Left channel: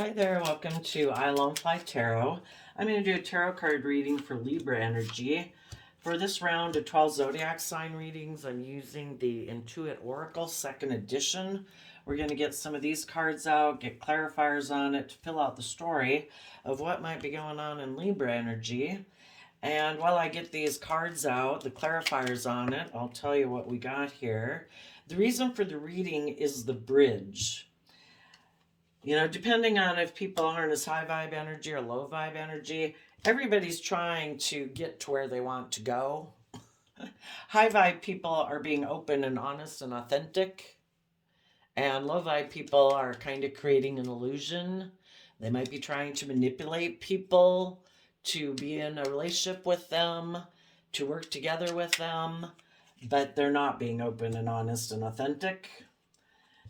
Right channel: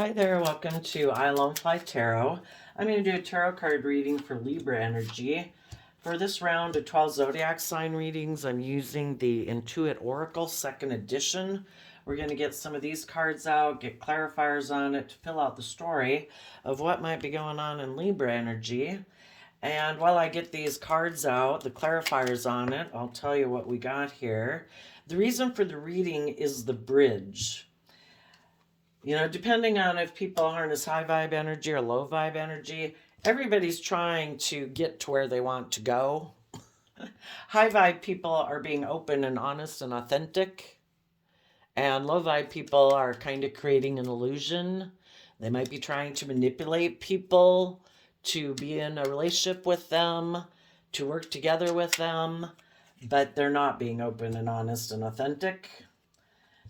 Hi there, welcome to I Alone Fly Tarot. I'm going to do a tarot card reading for Libra energy. For this round of 12 zodiac sign readings, I'm using the Intuit Oracle 2nd edition. We're going to get some of these cards out, get clarifiers on it to fill out the story of what might be going on in Libra energy. And while I get these cards out, the clarifiers on it, I'll tell you what we got here. The reason for the reading is the bridge. You know, depending on if people aren't as high vibe energy or low vibe energy, everybody's trying to get to where they want to go. High vibe people are being open and honest and authentic, and low vibe people are kind of creating an illusion. They might be trying to manipulate people to be in a relationship with them, to work together with them, but they're not being open and honest and authentic.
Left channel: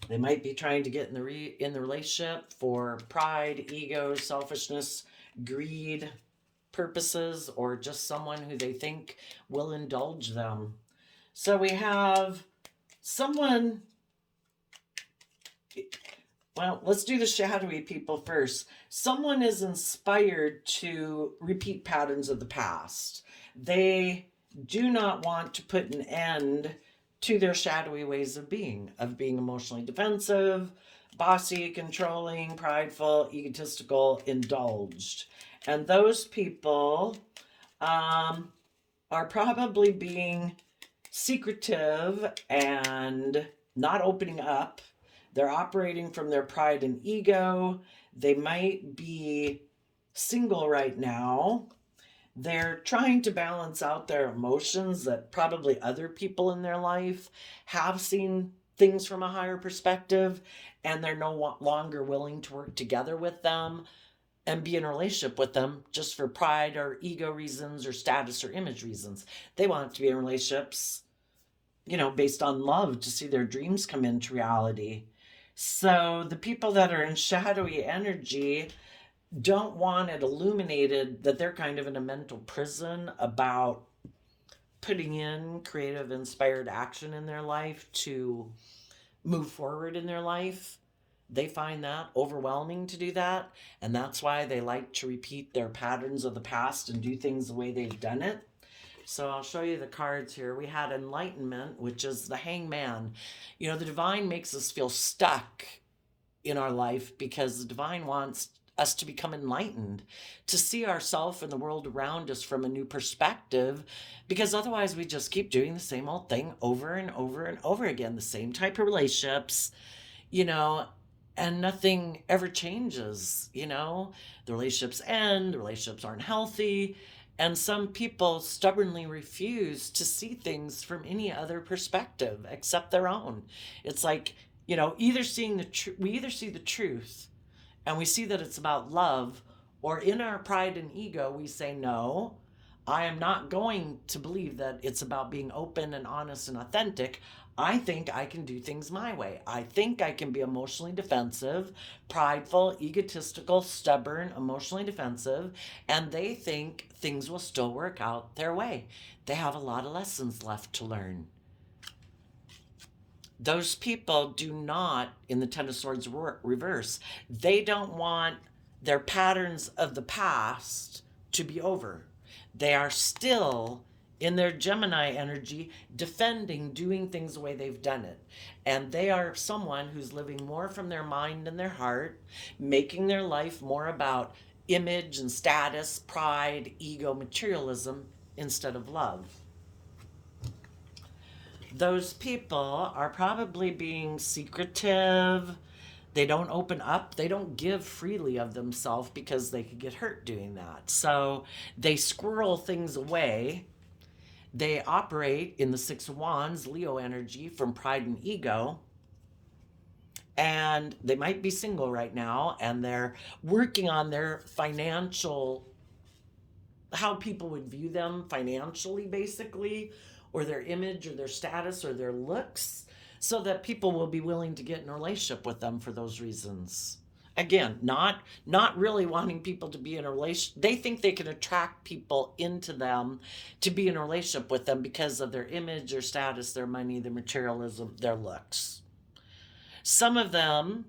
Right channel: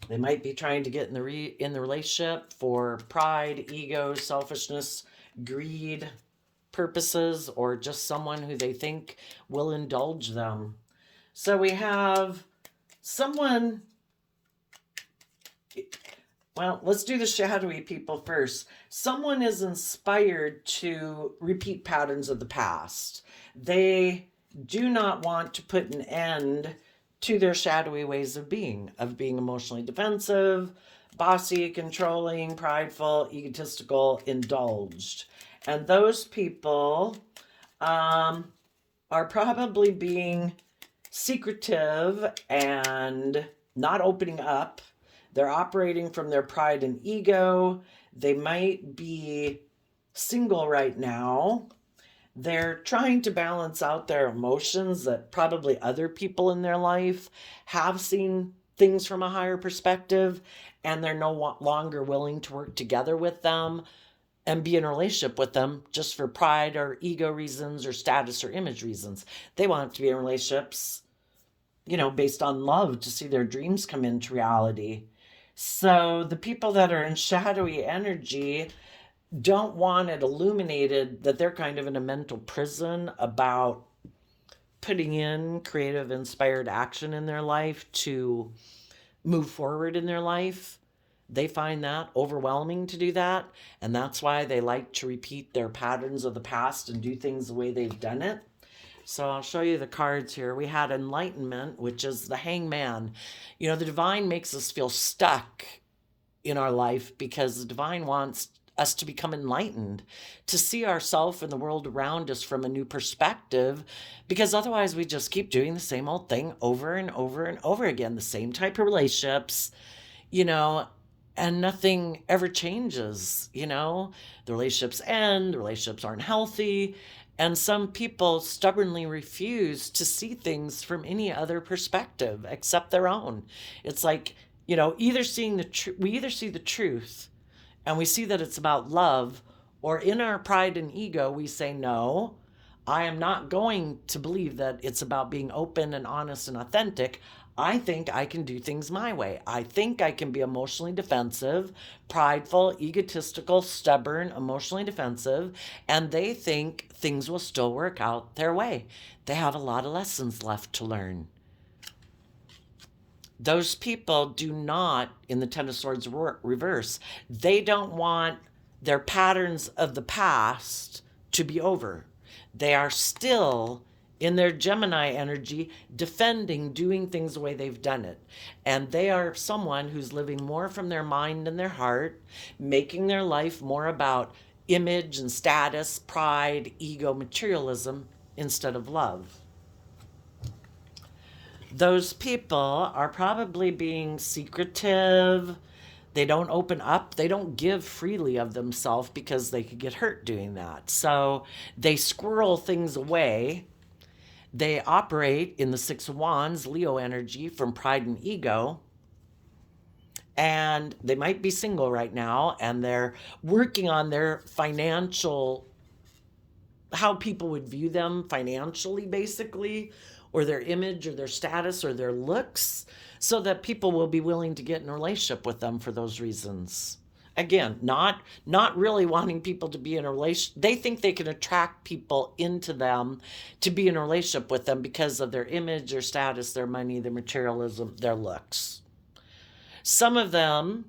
They might be trying to get in the relationship for pride, ego, selfishness, greed purposes, or just someone who they think will indulge them. So we have someone. Well, let's do the shadowy people first. Someone is inspired to repeat patterns of the past. They do not want to put an end to their shadowy ways of being emotionally defensive, bossy, controlling, prideful, egotistical, indulged. And those people are probably being secretive and not opening up. They're operating from their pride and ego. They might be single right now. They're trying to balance out their emotions that probably other people in their life have seen things from a higher perspective, and they're no longer willing to work together with them and be in a relationship with them just for pride or ego reasons or status or image reasons. They want to be in relationships, based on love, to see their dreams come into reality. So the people that are in shadowy energy don't want it illuminated that they're kind of in a mental prison about putting in creative, inspired action in their life to move forward in their life. They find that overwhelming to do that, and that's why they like to repeat their patterns of the past and do things the way they've done it. So I'll show you the cards here. We had Enlightenment, which is the Hangman. The divine makes us feel stuck in our life because the divine wants us to become enlightened, to see ourselves and the world around us from a new perspective, because otherwise we just keep doing the same old thing over and over and over again, the same type of relationships, and nothing ever changes. The relationships end, the relationships aren't healthy, and some people stubbornly refuse to see things from any other perspective except their own. It's like, either seeing we either see the truth and we see that it's about love, or in our pride and ego, we say, no, I am not going to believe that it's about being open and honest and authentic. I think I can do things my way. I think I can be emotionally defensive, prideful, egotistical, stubborn, emotionally defensive, and they think things will still work out their way. They have a lot of lessons left to learn. Those people do not, in the Ten of Swords reverse, they don't want their patterns of the past to be over. They are still in their Gemini energy, defending doing things the way they've done it. And they are someone who's living more from their mind and their heart, making their life more about image and status, pride, ego, materialism, instead of love. Those people are probably being secretive. They don't open up. They don't give freely of themselves because they could get hurt doing that. So they squirrel things away. They operate in the Six of Wands, Leo energy, from pride and ego. And they might be single right now, and they're working on their financial, how people would view them financially, basically, or their image or their status or their looks, so that people will be willing to get in a relationship with them for those reasons. Again, not really wanting people to be in a relationship. They think they can attract people into them to be in a relationship with them because of their image, their status, their money, their materialism, their looks. Some of them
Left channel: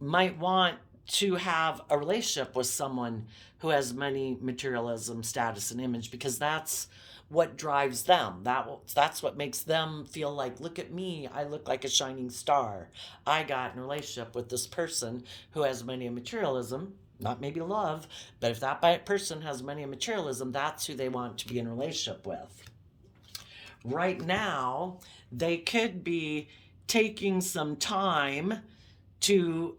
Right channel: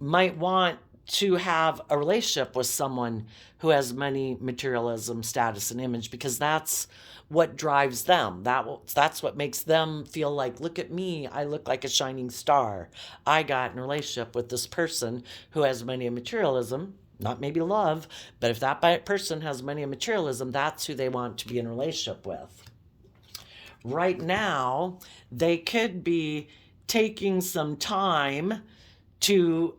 might want to have a relationship with someone who has money, materialism, status, and image, because that's what drives them. That's what makes them feel like, look at me, I look like a shining star. I got in a relationship with this person who has money and materialism, not maybe love, but if that person has money and materialism, that's who they want to be in a relationship with. Right now, they could be taking some time to,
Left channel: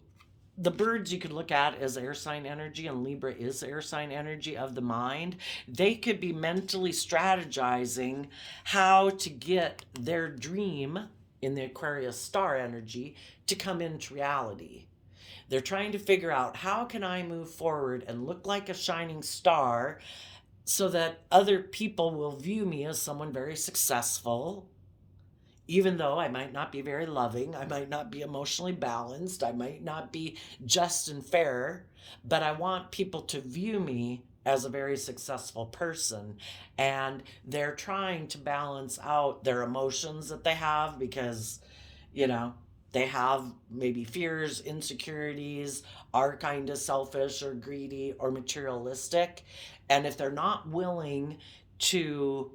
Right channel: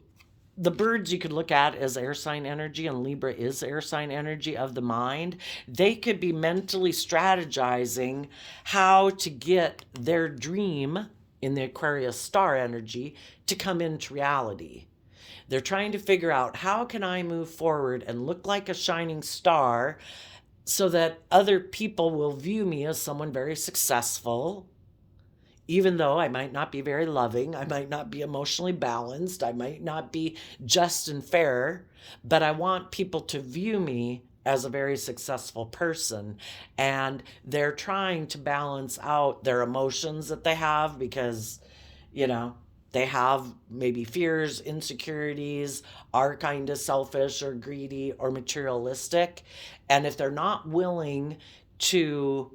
the birds you could look at as air sign energy, and Libra is air sign energy of the mind. They could be mentally strategizing how to get their dream in the Aquarius star energy to come into reality. They're trying to figure out, how can I move forward and look like a shining star so that other people will view me as someone very successful, even though I might not be very loving, I might not be emotionally balanced, I might not be just and fair, but I want people to view me as a very successful person. And they're trying to balance out their emotions that they have because, you know, they have maybe fears, insecurities, are kind of selfish or greedy or materialistic. And if they're not willing to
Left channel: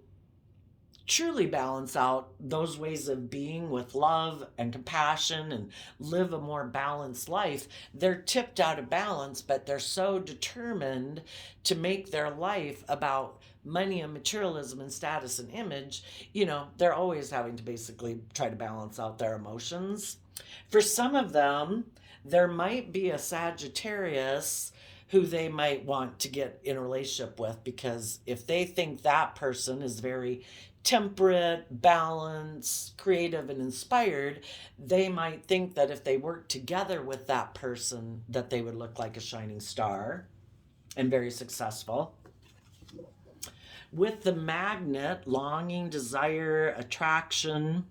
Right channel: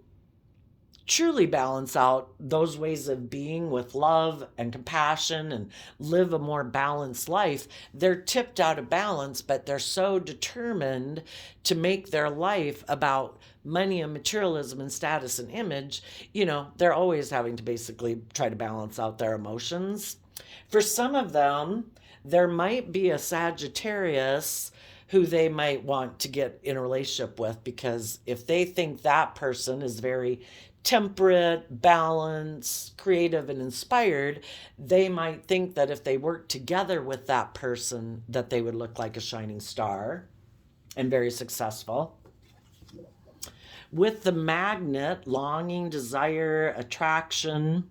truly balance out those ways of being with love and compassion and live a more balanced life, they're tipped out of balance, but they're so determined to make their life about money and materialism and status and image. They're always having to basically try to balance out their emotions. For some of them, there might be a Sagittarius who they might want to get in a relationship with, because if they think that person is very temperate, balanced, creative, and inspired, they might think that if they work together with that person, that they would look like a shining star and very successful. With the magnet, longing, desire, attraction,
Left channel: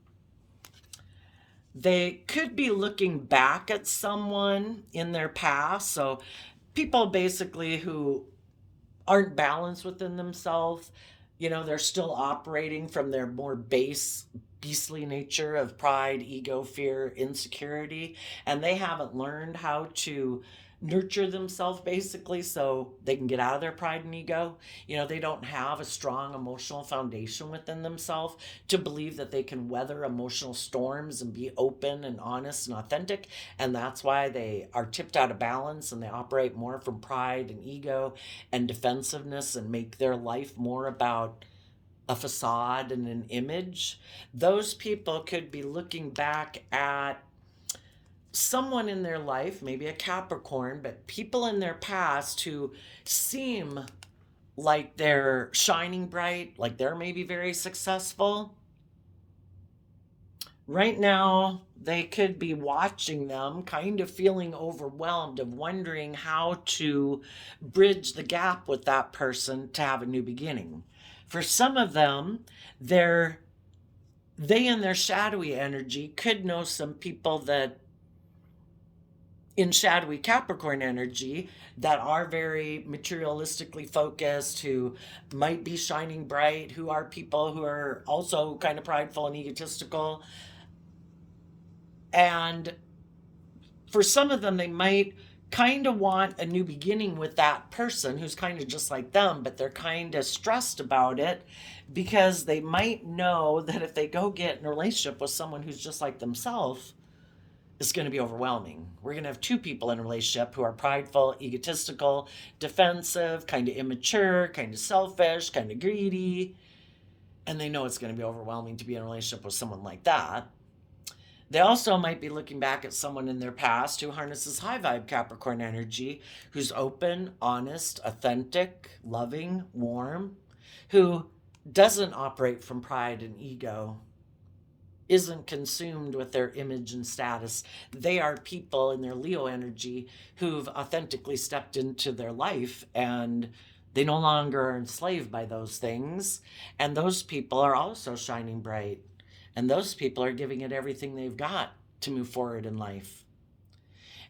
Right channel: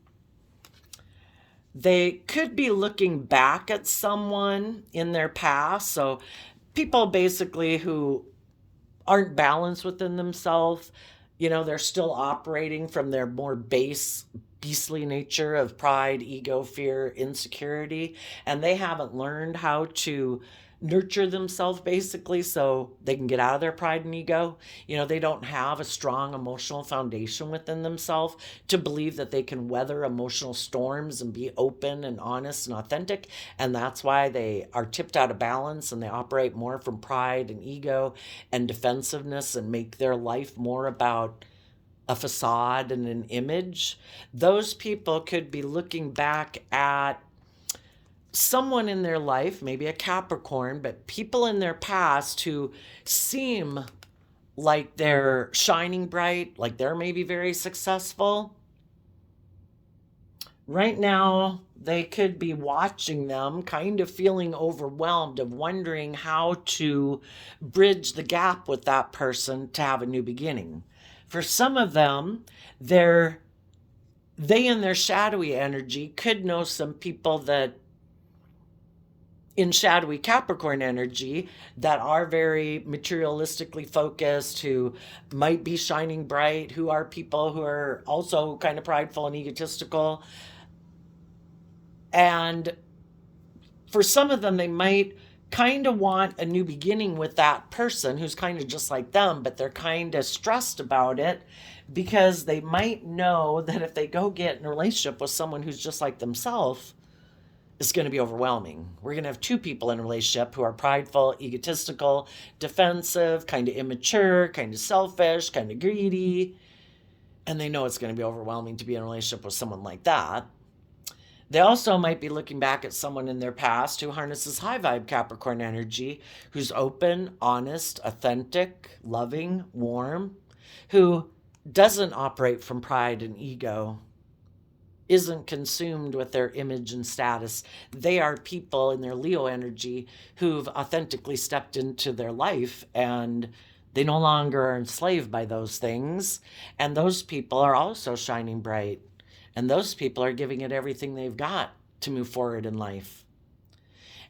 they could be looking back at someone in their past. So people basically who aren't balanced within themselves, they're still operating from their more base beastly nature of pride, ego, fear, insecurity, and they haven't learned how to nurture themselves basically so they can get out of their pride and ego. They don't have a strong emotional foundation within themselves to believe that they can weather emotional storms and be open and honest and authentic, and that's why they are tipped out of balance and they operate more from pride and ego and defensiveness and make their life more about a facade and an image. Those people could be looking back at someone in their life, maybe a Capricorn, but people in their past who seem like they're shining bright, like they're maybe very successful. Right now, they could be watching them, kind of feeling overwhelmed, of wondering how to bridge the gap with that person to have a new beginning. For some of them, they in their shadowy energy could know some people that in shadowy Capricorn energy that are very materialistically focused, who might be shining bright, who are people who are also kind of prideful and egotistical. And for some of them, they might kind of want a new beginning with that person who's kind of just like them, but they're kind of stressed about it because they might know that if they go get in a relationship with someone who's just like themselves, it's going to be overwhelming. We're going to have two people in a relationship who are prideful, egotistical, defensive, kind of immature, kind of selfish, kind of greedy. And they know it's going to be overwhelming to be in a relationship with someone like that. They also might be looking back at someone in their past who harnesses high vibe Capricorn energy, who's open, honest, authentic, loving, warm, who doesn't operate from pride and ego, isn't consumed with their image and status. They are people in their Leo energy who've authentically stepped into their life, and they no longer are enslaved by those things. And those people are also shining bright. And those people are giving it everything they've got to move forward in life.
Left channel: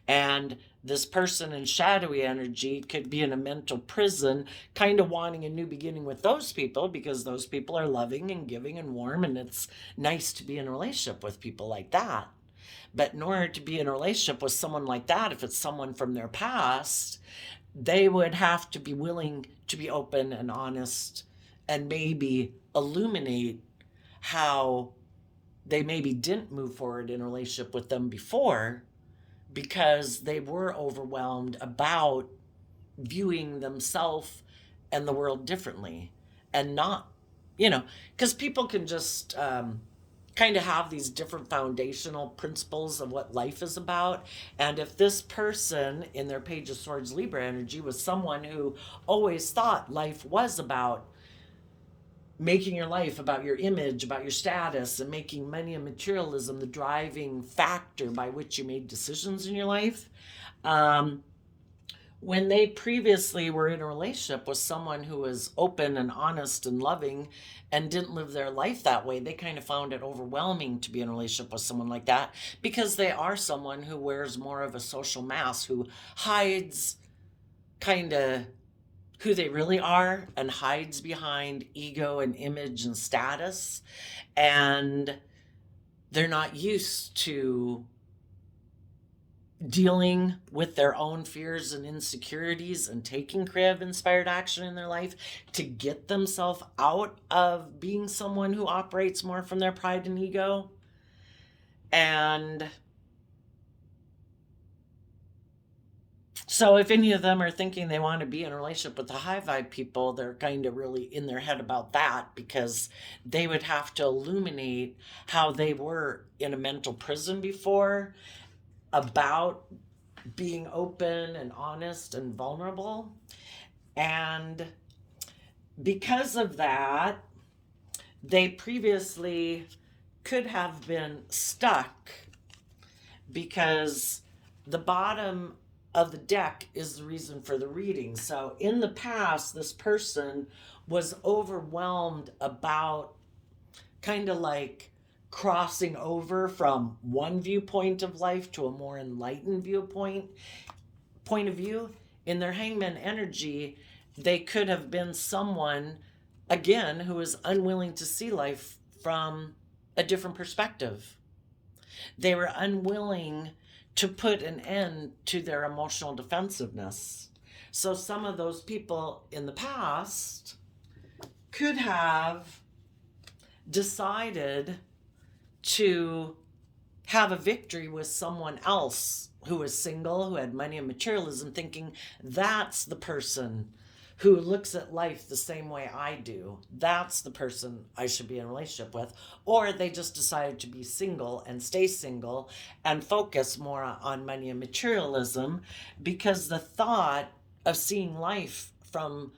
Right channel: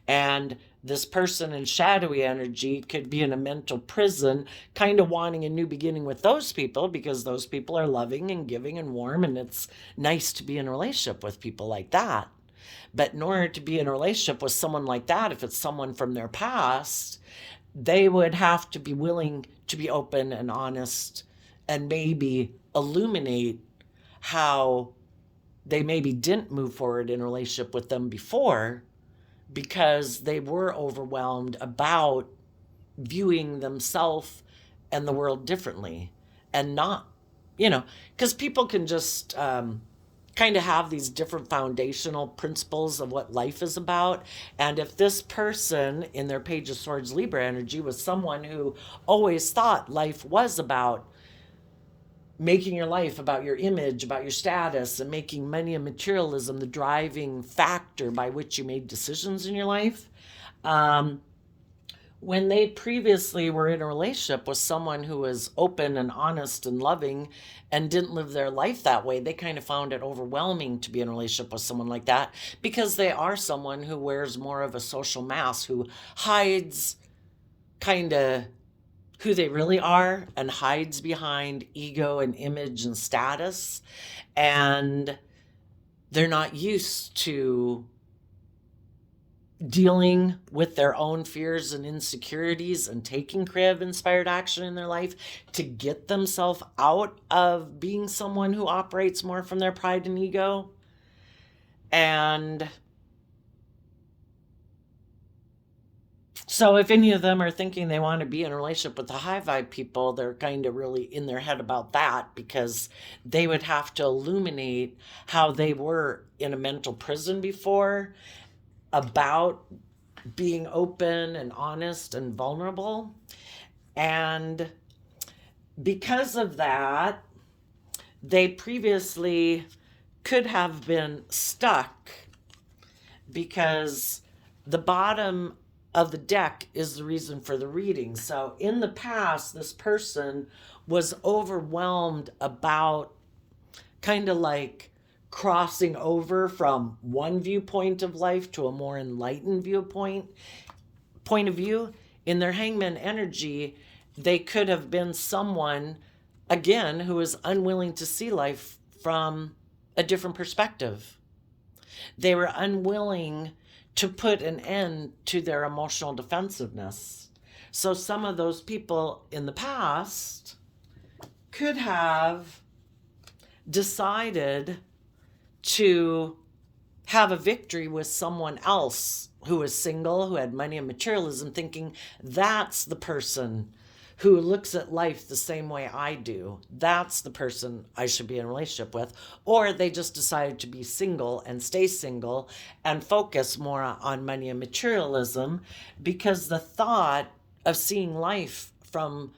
And this person in shadowy energy could be in a mental prison, kind of wanting a new beginning with those people because those people are loving and giving and warm, and it's nice to be in a relationship with people like that. But in order to be in a relationship with someone like that, if it's someone from their past, they would have to be willing to be open and honest and maybe illuminate how they maybe didn't move forward in a relationship with them before because they were overwhelmed about viewing themselves and the world differently and not, because people can just kind of have these different foundational principles of what life is about. And if this person in their Page of Swords Libra energy was someone who always thought life was about making your life about your image, about your status, and making money and materialism the driving factor by which you made decisions in your life, when they previously were in a relationship with someone who was open and honest and loving and didn't live their life that way, they kind of found it overwhelming to be in a relationship with someone like that because they are someone who wears more of a social mask, who hides kind of who they really are and hides behind ego and image and status. And they're not used to dealing with their own fears and insecurities and taking creative inspired action in their life to get themselves out of being someone who operates more from their pride and ego. And so if any of them are thinking they want to be in a relationship with the high vibe people, they're kind of really in their head about that, because they would have to illuminate how they were in a mental prison before about being open and honest and vulnerable. And because of that, they previously could have been stuck because the bottom of the deck is the reason for the reading. So in the past, this person was overwhelmed about kind of like crossing over from one viewpoint of life to a more enlightened point of view. In their hangman energy, they could have been someone, again, who was unwilling to see life from a different perspective. They were unwilling to put an end to their emotional defensiveness. So some of those people in the past could have decided to have a victory with someone else who was single, who had money and materialism, thinking that's the person who looks at life the same way I do. That's the person I should be in a relationship with. Or they just decided to be single and stay single and focus more on money and materialism because the thought of seeing life from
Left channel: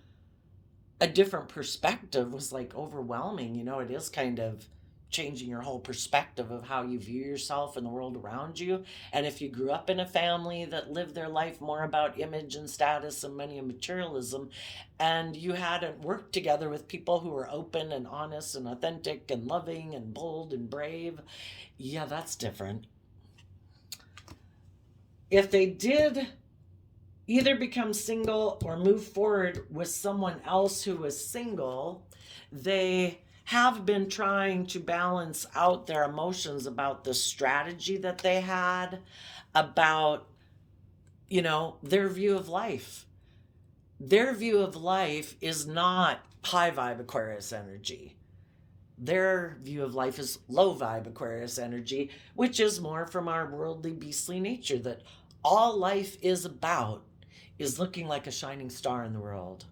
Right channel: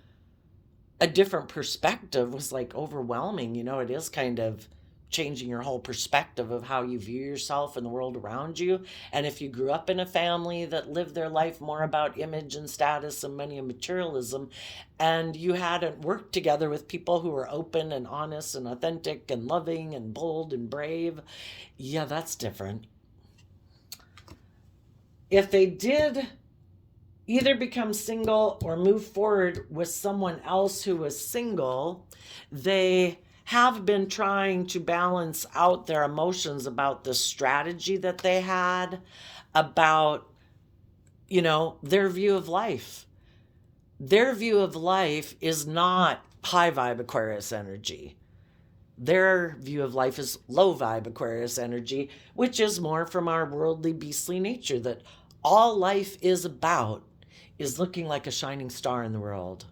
a different perspective was like overwhelming. It is kind of changing your whole perspective of how you view yourself and the world around you. And if you grew up in a family that lived their life more about image and status and money and materialism, and you hadn't worked together with people who were open and honest and authentic and loving and bold and brave, yeah, that's different. If they did either become single or move forward with someone else who was single, they have been trying to balance out their emotions about the strategy that they had, about, their view of life. Their view of life is not high vibe Aquarius energy. Their view of life is low vibe Aquarius energy, which is more from our worldly, beastly nature, that all life is about is looking like a shining star in the world.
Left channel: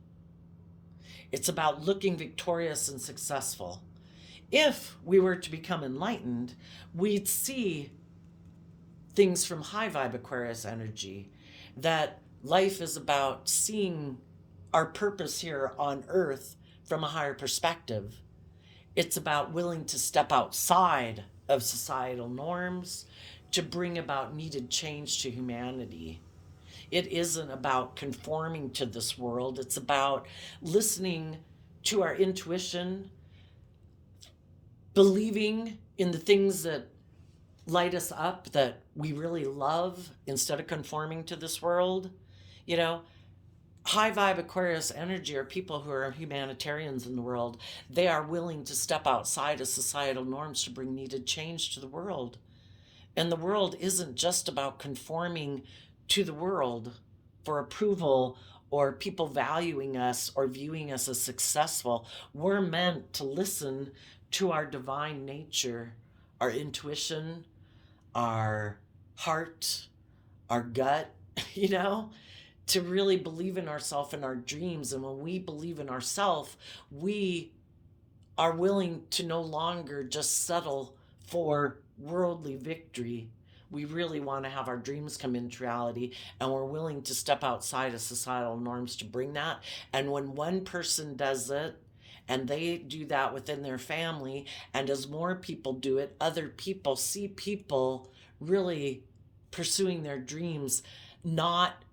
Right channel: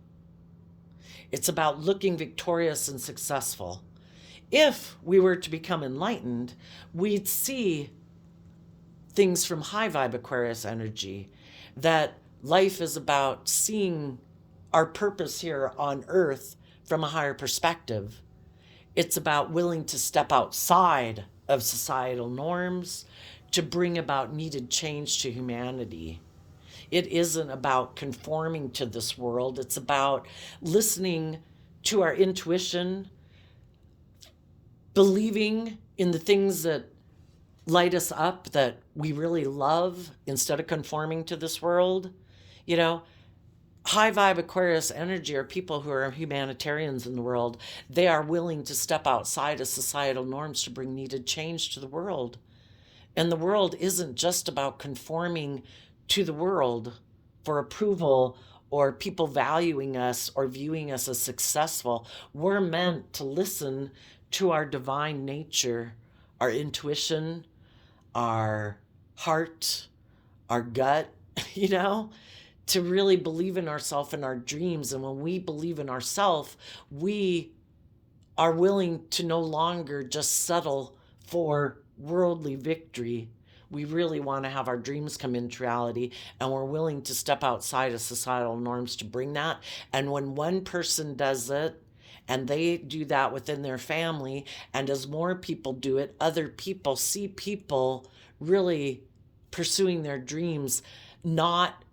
It's about looking victorious and successful. If we were to become enlightened, we'd see things from high vibe Aquarius energy, that life is about seeing our purpose here on earth from a higher perspective. It's about willing to step outside of societal norms to bring about needed change to humanity. It isn't about conforming to this world. It's about listening to our intuition, believing in the things that light us up, that we really love, instead of conforming to this world. High vibe Aquarius energy are people who are humanitarians in the world. They are willing to step outside of societal norms to bring needed change to the world. And the world isn't just about conforming to the world for approval or people valuing us or viewing us as successful. We're meant to listen to our divine nature, our intuition, our heart, our gut, you know, to really believe in ourselves and our dreams. And when we believe in ourselves, we are willing to no longer just settle for worldly victory. We really want to have our dreams come into reality, and we're willing to step outside of societal norms to bring that. And when one person does it, and they do that within their family, and as more people do it, other people see people really pursuing their dreams, not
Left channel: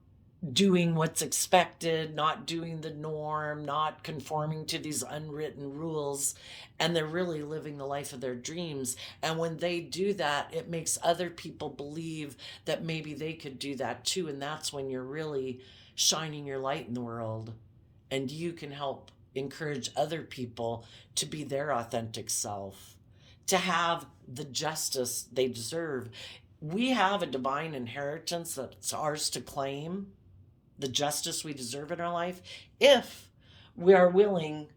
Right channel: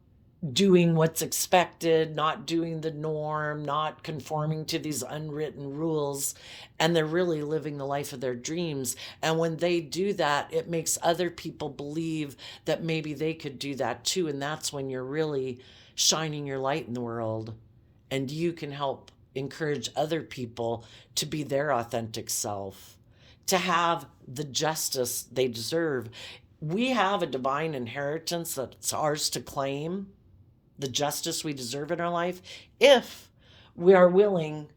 doing what's expected, not doing the norm, not conforming to these unwritten rules, and they're really living the life of their dreams. And when they do that, it makes other people believe that maybe they could do that too. And that's when you're really shining your light in the world, and you can help encourage other people to be their authentic self, to have the justice they deserve. We have a divine inheritance that's ours to claim, the justice we deserve in our life, if we are willing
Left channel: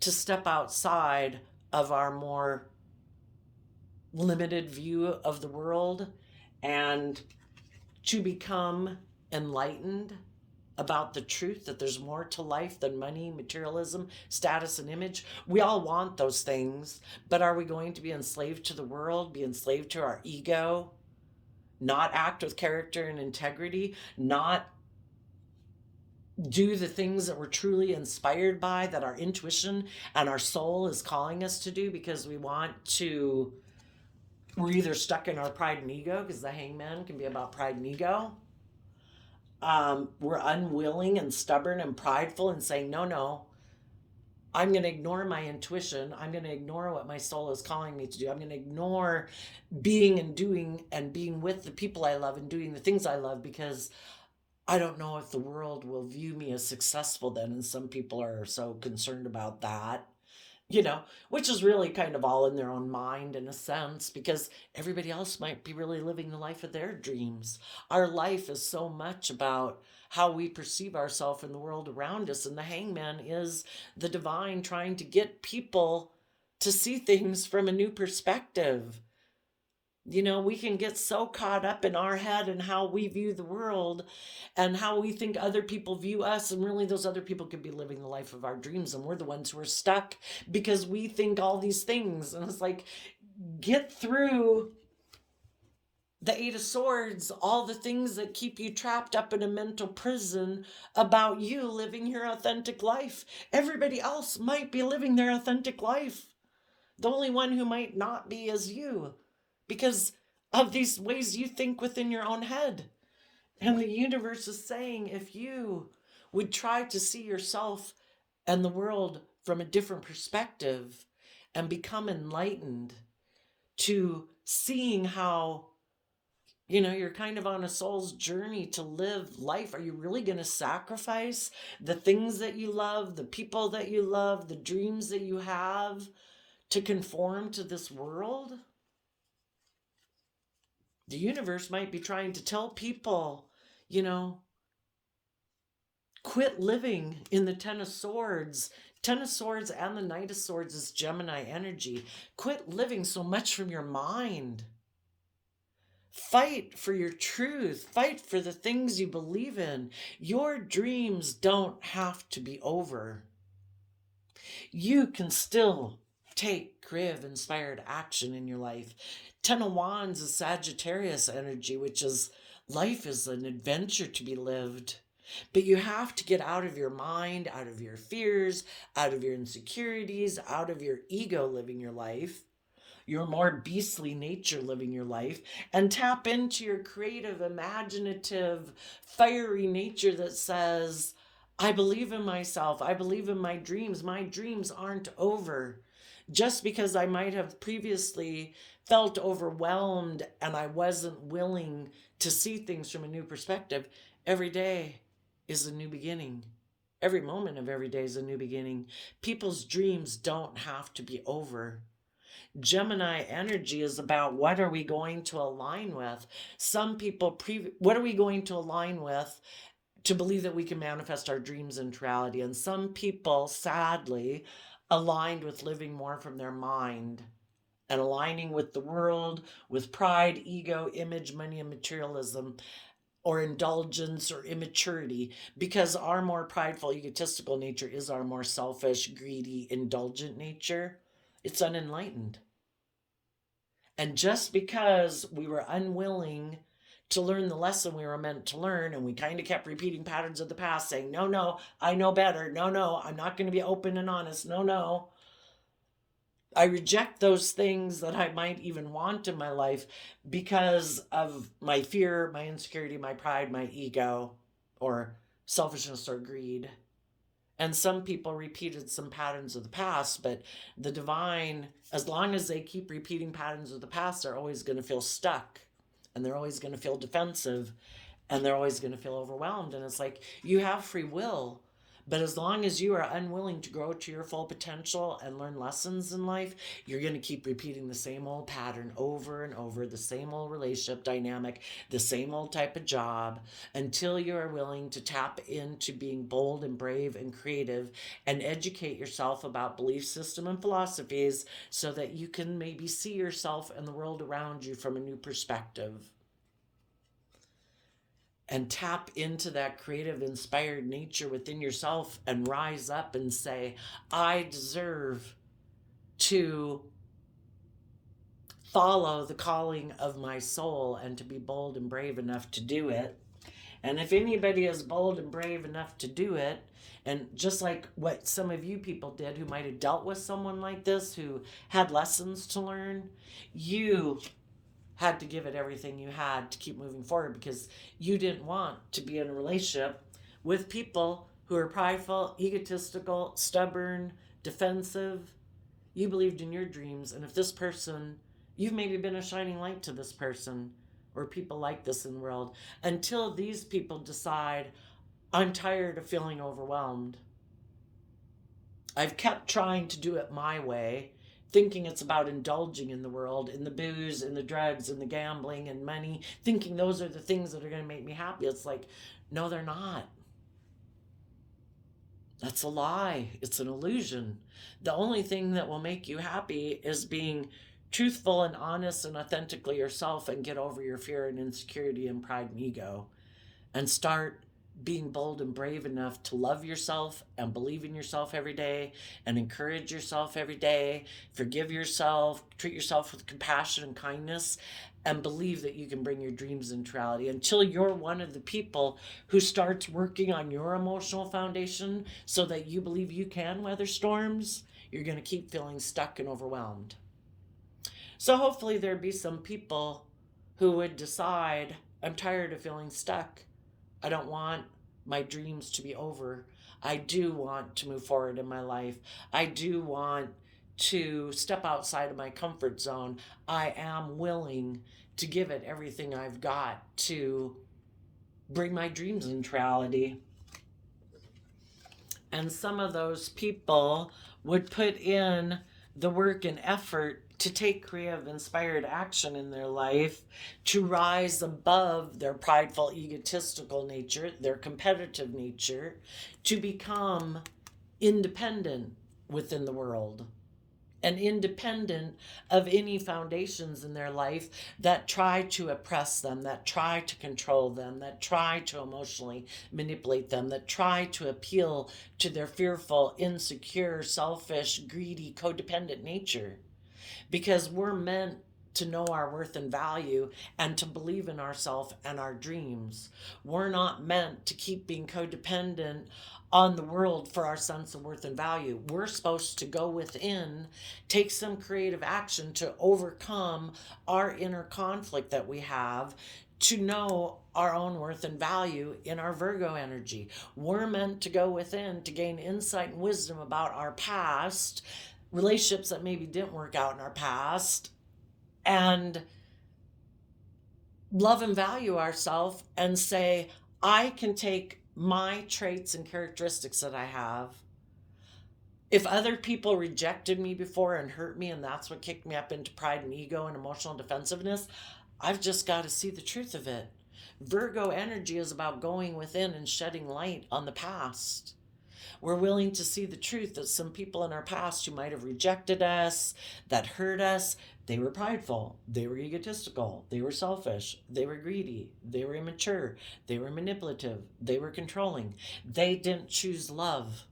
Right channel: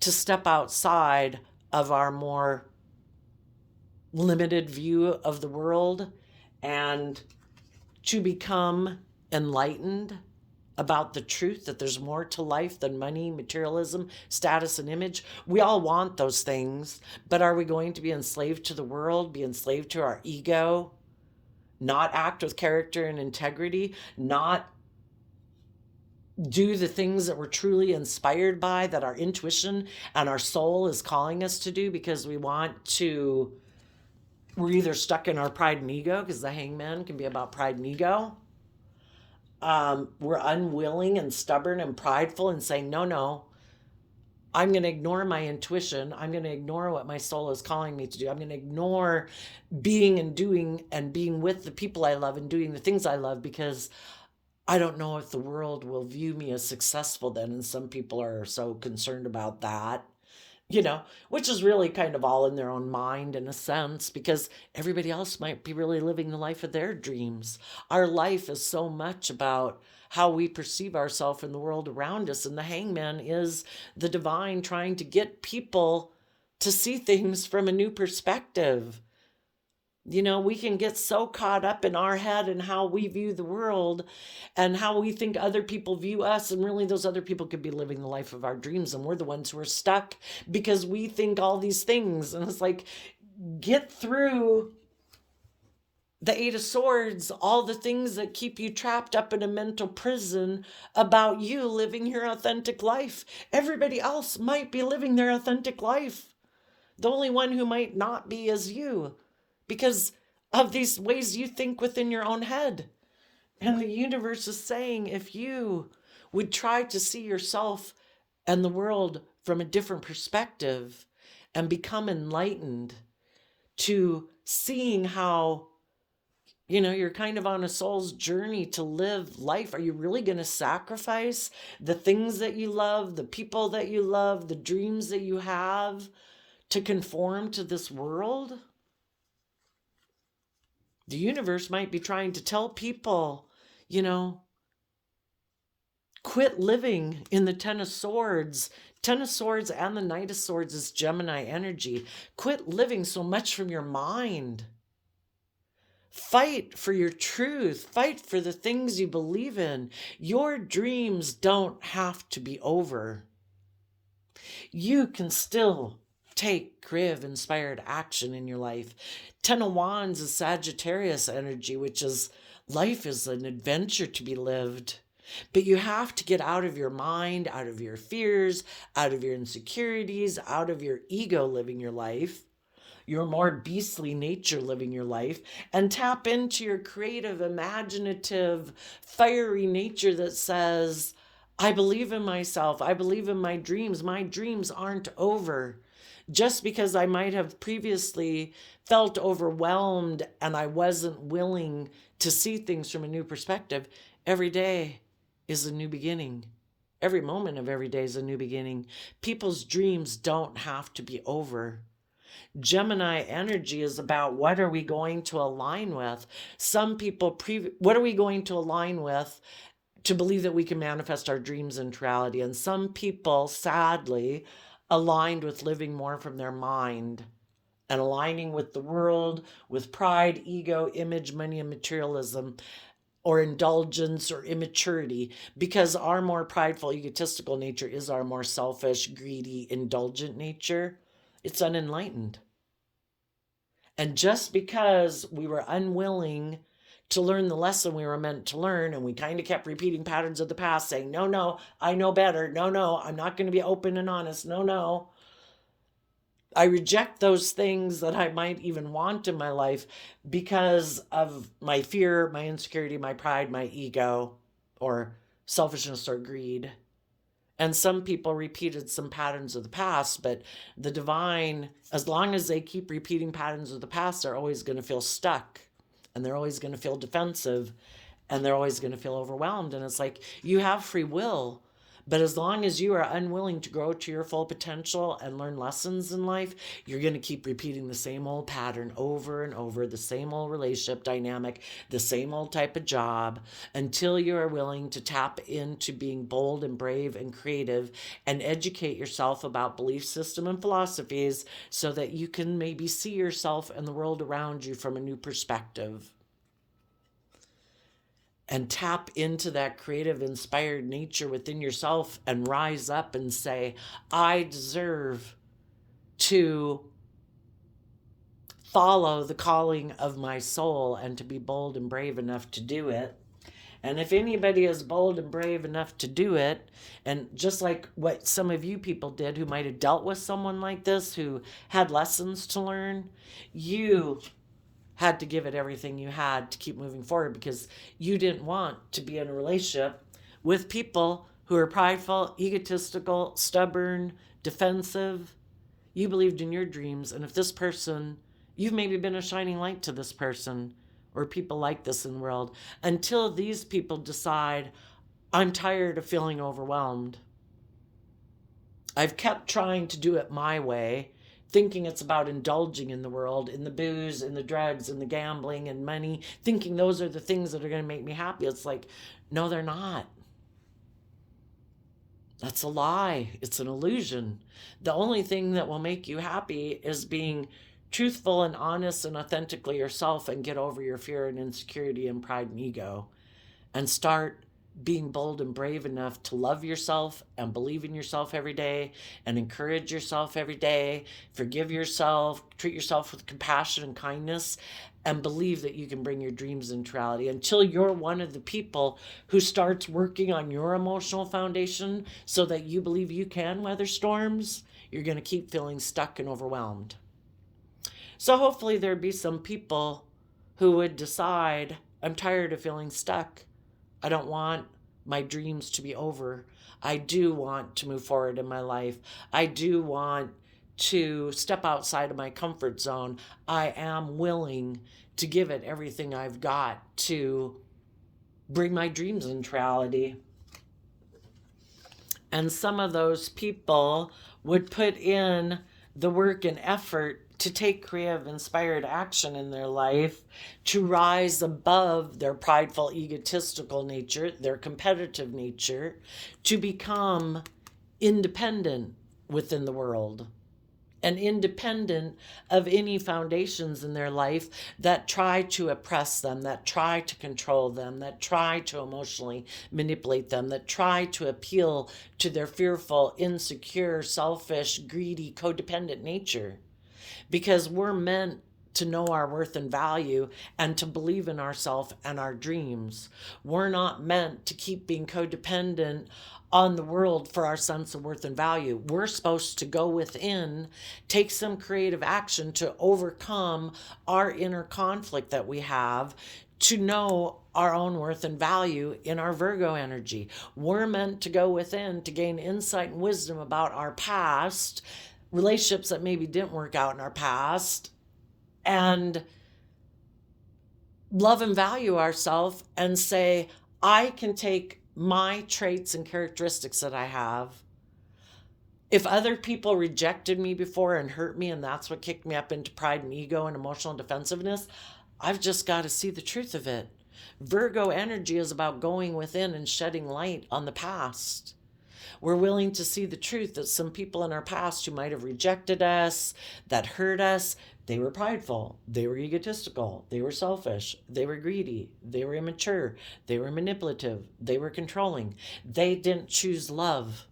to step outside of our more limited view of the world and to become enlightened about the truth that there's more to life than money, materialism, status, and image. We all want those things, but are we going to be enslaved to the world, be enslaved to our ego, not act with character and integrity, not do the things that we're truly inspired by, that our intuition and our soul is calling us to do, because we're either stuck in our pride and ego, because the hangman can be about pride and ego. We're unwilling and stubborn and prideful and saying, no, I'm going to ignore my intuition. I'm going to ignore what my soul is calling me to do. I'm going to ignore being and doing and being with the people I love and doing the things I love, because I don't know if the world will view me as successful then. And some people are so concerned about that, which is really kind of all in their own mind in a sense, because everybody else might be really living the life of their dreams. Our life is so much about how we perceive ourselves in the world around us. And the hangman is the divine trying to get people to see things from a new perspective. We can get so caught up in our head and how we view the world and how we think other people view us. And really, those other people could be living the life of our dreams. And we're the ones who are stuck because we think all these things. And it's like, get through the Eight of Swords, all the things that keep you trapped up in a mental prison about you living your authentic life. Everybody else might be living their authentic life. The only one who might not be is you, because of these ways you think within your own head. And the universe is saying, if you would try to see yourself and the world from a different perspective and become enlightened to seeing how, you're kind of on a soul's journey to live life. Are you really going to sacrifice the things that you love, the people that you love, the dreams that you have to conform to this world? The universe might be trying to tell people, quit living in the Ten of Swords. Ten of Swords and the Knight of Swords is Gemini energy. Quit living so much from your mind. Fight for your truth. Fight for the things you believe in. Your dreams don't have to be over. You can still take creative, inspired action in your life. Ten of Wands is Sagittarius energy, which is life is an adventure to be lived. But you have to get out of your mind, out of your fears, out of your insecurities, out of your ego living your life, your more beastly nature living your life, and tap into your creative, imaginative, fiery nature that says, I believe in myself. I believe in my dreams. My dreams aren't over. Just because I might have previously felt overwhelmed and I wasn't willing to see things from a new perspective, every day is a new beginning. Every moment of every day is a new beginning. People's dreams don't have to be over. Gemini energy is about what are we going to align with. Some people, what are we going to align with to believe that we can manifest our dreams into reality? And some people, sadly, aligned with living more from their mind and aligning with the world, with pride, ego, image, money, and materialism, or indulgence or immaturity, because our more prideful, egotistical nature is our more selfish, greedy, indulgent nature. It's unenlightened. And just because we were unwilling to learn the lesson we were meant to learn, and we kind of kept repeating patterns of the past, saying, no, no, I know better. No, no, I'm not going to be open and honest. No, no. I reject those things that I might even want in my life because of my fear, my insecurity, my pride, my ego, or selfishness or greed. And some people repeated some patterns of the past, but the divine, as long as they keep repeating patterns of the past, they're always going to feel stuck, and they're always going to feel defensive, and they're always going to feel overwhelmed. And it's like, you have free will, but as long as you are unwilling to grow to your full potential and learn lessons in life, you're going to keep repeating the same old pattern over and over, the same old relationship dynamic, the same old type of job, until you are willing to tap into being bold and brave and creative and educate yourself about belief system and philosophies so that you can maybe see yourself and the world around you from a new perspective. And tap into that creative, inspired nature within yourself and rise up and say, I deserve to follow the calling of my soul and to be bold and brave enough to do it. And if anybody is bold and brave enough to do it, and just like what some of you people did who might have dealt with someone like this, who had lessons to learn, you had to give it everything you had to keep moving forward, because you didn't want to be in a relationship with people who are prideful, egotistical, stubborn, defensive. You believed in your dreams, and if this person, you've maybe been a shining light to this person or people like this in the world, until these people decide, I'm tired of feeling overwhelmed. I've kept trying to do it my way, thinking it's about indulging in the world, in the booze, in the drugs, in the gambling and money, thinking those are the things that are going to make me happy. It's like, no, they're not. That's a lie. It's an illusion. The only thing that will make you happy is being truthful and honest and authentically yourself, and get over your fear and insecurity and pride and ego, and start being bold and brave enough to love yourself and believe in yourself every day and encourage yourself every day, forgive yourself, treat yourself with compassion and kindness, and believe that you can bring your dreams into reality. Until you're one of the people who starts working on your emotional foundation so that you believe you can weather storms, you're going to keep feeling stuck and overwhelmed. So hopefully there'd be some people who would decide, I'm tired of feeling stuck. I don't want my dreams to be over. I do want to move forward in my life. I do want to step outside of my comfort zone. I am willing to give it everything I've got to bring my dreams into reality. And some of those people would put in the work and effort to take creative, inspired action in their life to rise above their prideful, egotistical nature, their competitive nature, to become independent within the world and independent of any foundations in their life that try to oppress them, that try to control them, that try to emotionally manipulate them, that try to appeal to their fearful, insecure, selfish, greedy, codependent nature. Because we're meant to know our worth and value and to believe in ourselves and our dreams. We're not meant to keep being codependent on the world for our sense of worth and value. We're supposed to go within, take some creative action to overcome our inner conflict that we have, to know our own worth and value in our Virgo energy. We're meant to go within to gain insight and wisdom about our past, relationships that maybe didn't work out in our past, and love and value ourselves and say, I can take my traits and characteristics that I have, If other people rejected me before and hurt me, and that's what kicked me up into pride and ego and emotional defensiveness, I've just got to see the truth of it. Virgo energy is about going within and shedding light on the past. We're willing to see the truth that some people in our past who might have rejected us, that hurt us, they were prideful, they were egotistical, they were selfish, they were greedy, they were immature, they were manipulative, they were controlling. They didn't choose love.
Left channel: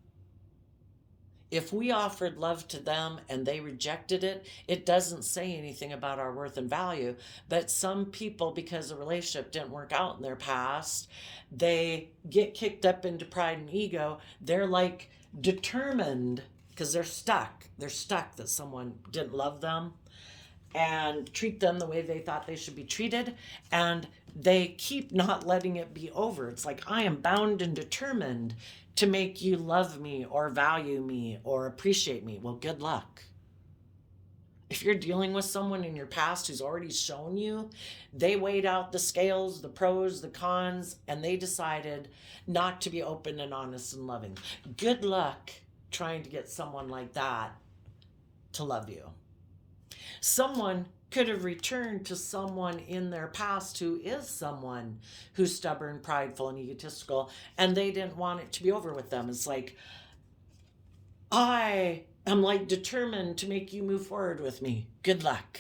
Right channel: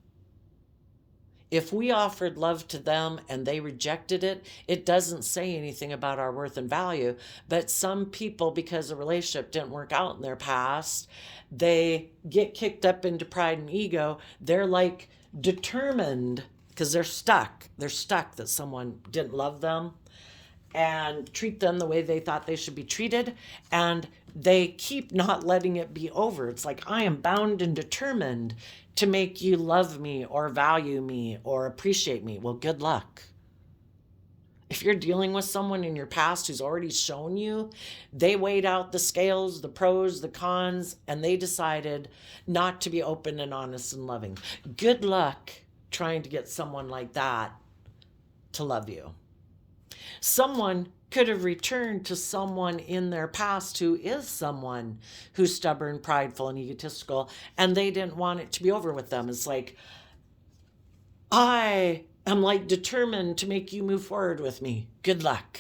If we offered love to them and they rejected it, it doesn't say anything about our worth and value. But some people, because the relationship didn't work out in their past, they get kicked up into pride and ego. They're like determined because they're stuck. They're stuck that someone didn't love them and treat them the way they thought they should be treated. And they keep not letting it be over. It's like, I am bound and determined to make you love me or value me or appreciate me. Well, good luck. If you're dealing with someone in your past who's already shown you, they weighed out the scales, the pros, the cons, and they decided not to be open and honest and loving. Good luck trying to get someone like that to love you. Someone could have returned to someone in their past who is someone who's stubborn, prideful, and egotistical, and they didn't want it to be over with them. It's like, I am like determined to make you move forward with me. Good luck.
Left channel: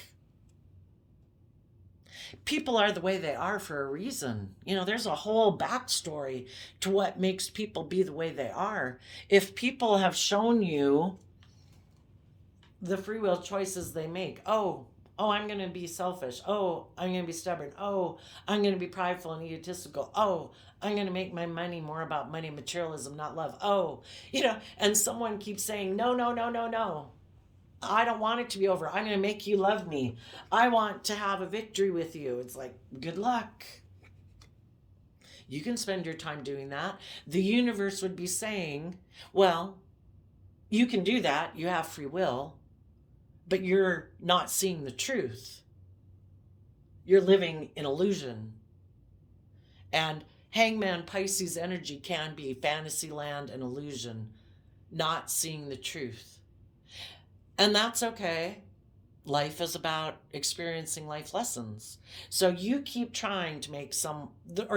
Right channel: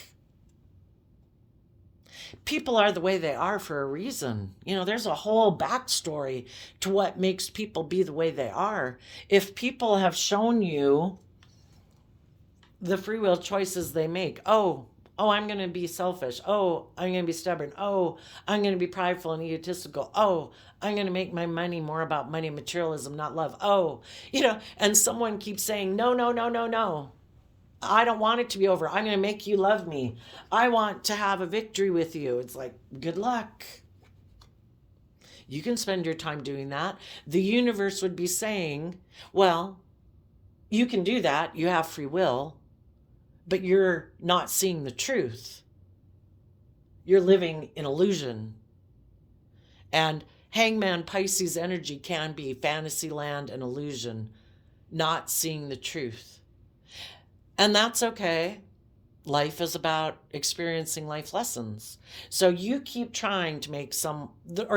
People are the way they are for a reason. You know, there's a whole backstory to what makes people be the way they are. If people have shown you the free will choices they make, I'm going to be selfish. I'm going to be stubborn. I'm going to be prideful and egotistical. I'm going to make my money more about money, materialism, not love. And someone keeps saying, no, no, no, no, no. I don't want it to be over. I'm going to make you love me. I want to have a victory with you. It's like, good luck. You can spend your time doing that. The universe would be saying, well, you can do that. You have free will. But you're not seeing the truth. You're living in illusion. And Hangman Pisces energy can be fantasy land and illusion, not seeing the truth. And that's okay. Life is about experiencing life lessons. So you keep trying to make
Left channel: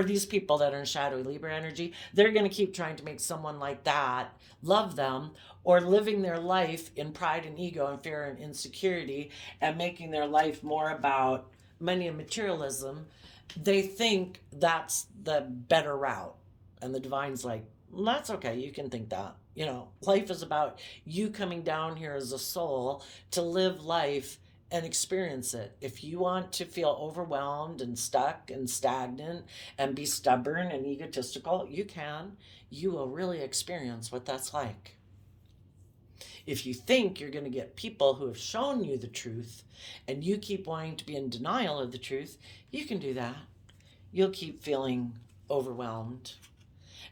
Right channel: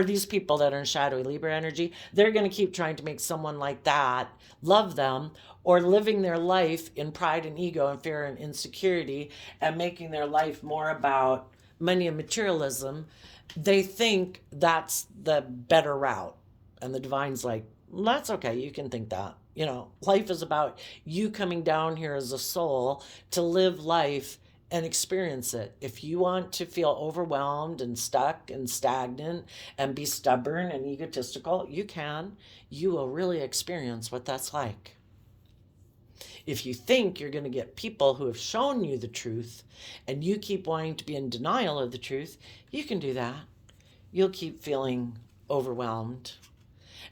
these people that are in shadowy Libra energy, they're going to keep trying to make someone like that love them, or living their life in pride and ego and fear and insecurity and making their life more about money and materialism. They think that's the better route. And the divine's like, that's okay, you can think that. Life is about you coming down here as a soul to live life and experience it. If you want to feel overwhelmed and stuck and stagnant and be stubborn and egotistical, you can. You will really experience what that's like. If you think you're going to get people who have shown you the truth and you keep wanting to be in denial of the truth, you can do that. You'll keep feeling overwhelmed.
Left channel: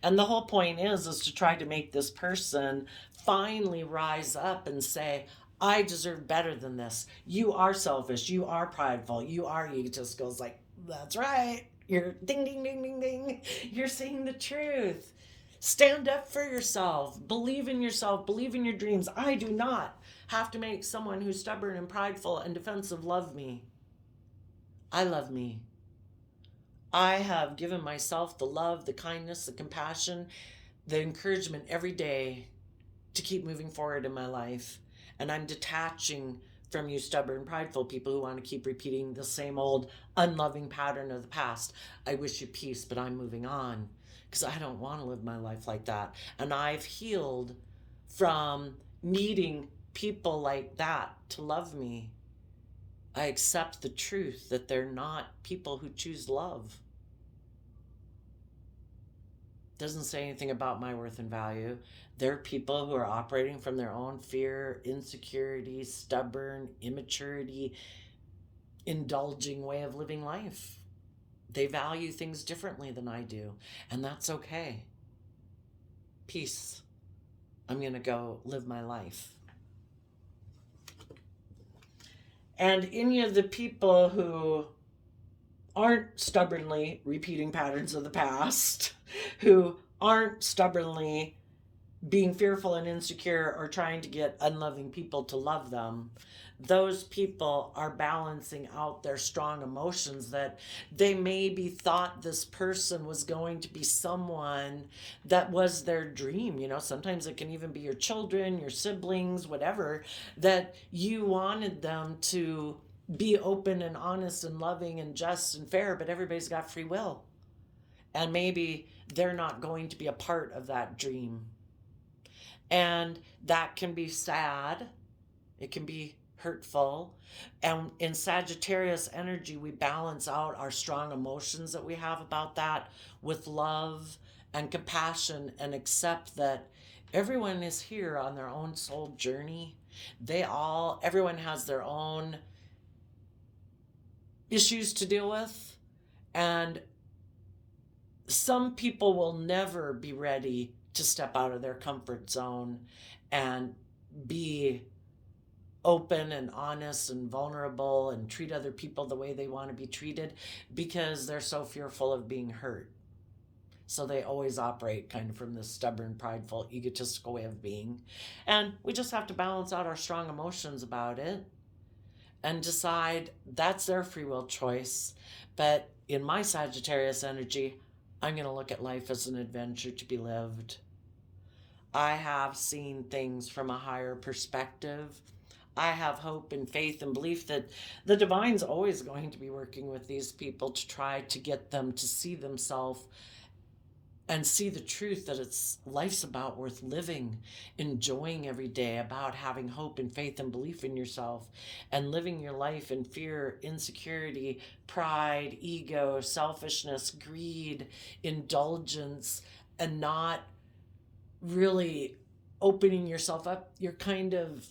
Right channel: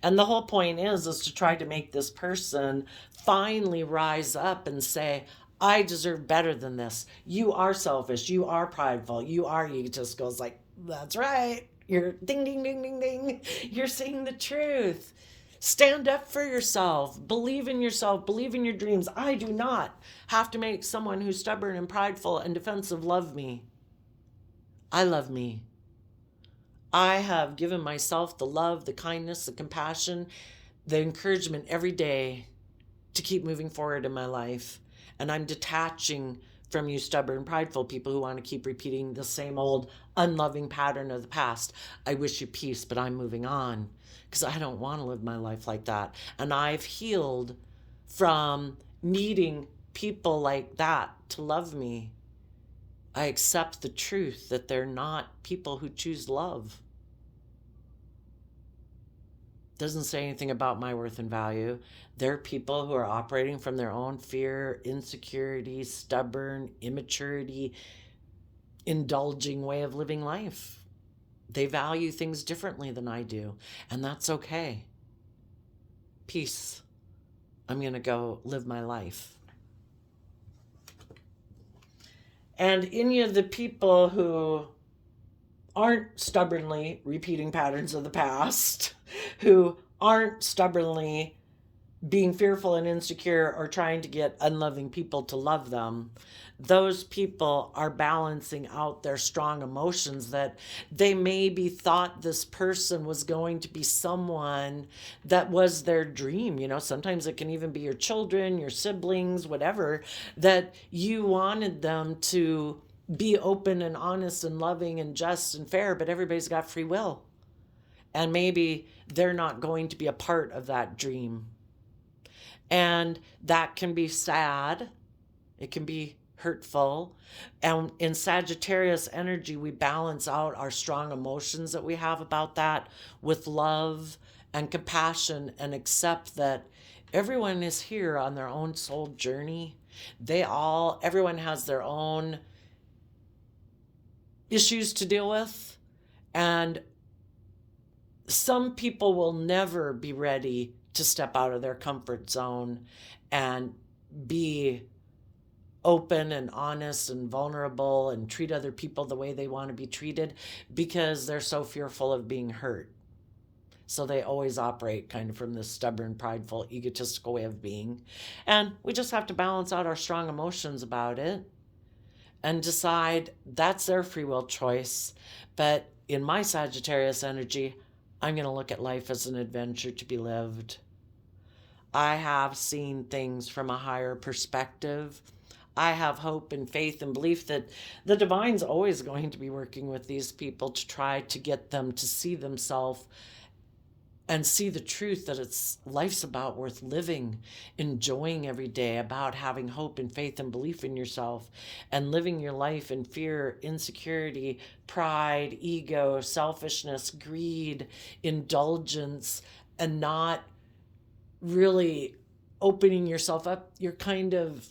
And the whole point is to try to make this person finally rise up and say, I deserve better than this. You are selfish. You are prideful. You are egotistical. It's like, that's right. You're ding, ding, ding, ding, ding. You're seeing the truth. Stand up for yourself. Believe in yourself. Believe in your dreams. I do not have to make someone who's stubborn and prideful and defensive love me. I love me. I have given myself the love, the kindness, the compassion, the encouragement every day to keep moving forward in my life. And I'm detaching from you stubborn, prideful people who want to keep repeating the same old unloving pattern of the past. I wish you peace, but I'm moving on. Because I don't want to live my life like that. And I've healed from needing people like that to love me. I accept the truth that they're not people who choose love. Doesn't say anything about my worth and value. They're people who are operating from their own fear, insecurity, stubborn, immaturity, indulging way of living life. They value things differently than I do, and that's okay. Peace. I'm going to go live my life. And any of the people who aren't stubbornly repeating patterns of the past, who aren't stubbornly being fearful and insecure or trying to get unloving people to love them, those people are balancing out their strong emotions that they maybe thought this person was going to be someone that was their dream. You know, sometimes it can even be your children, your siblings, whatever, that you wanted them to be open and honest and loving and just and fair, but everybody's got free will. And maybe they're not going to be a part of that dream. And that can be sad. It can be hurtful. And in Sagittarius energy, we balance out our strong emotions that we have about that with love and compassion, and accept that everyone is here on their own soul journey. Everyone has their own issues to deal with. And some people will never be ready to step out of their comfort zone and be open and honest and vulnerable and treat other people the way they want to be treated, because they're so fearful of being hurt. So they always operate kind of from this stubborn, prideful, egotistical way of being. And we just have to balance out our strong emotions about it and decide that's their free will choice. But in my Sagittarius energy, I'm going to look at life as an adventure to be lived. I have seen things from a higher perspective. I have hope and faith and belief that the divine's always going to be working with these people to try to get them to see themselves and see the truth that life's about worth living, enjoying every day, about having hope and faith and belief in yourself, and living your life in fear, insecurity, pride, ego, selfishness, greed, indulgence, and not really opening yourself up. You're kind of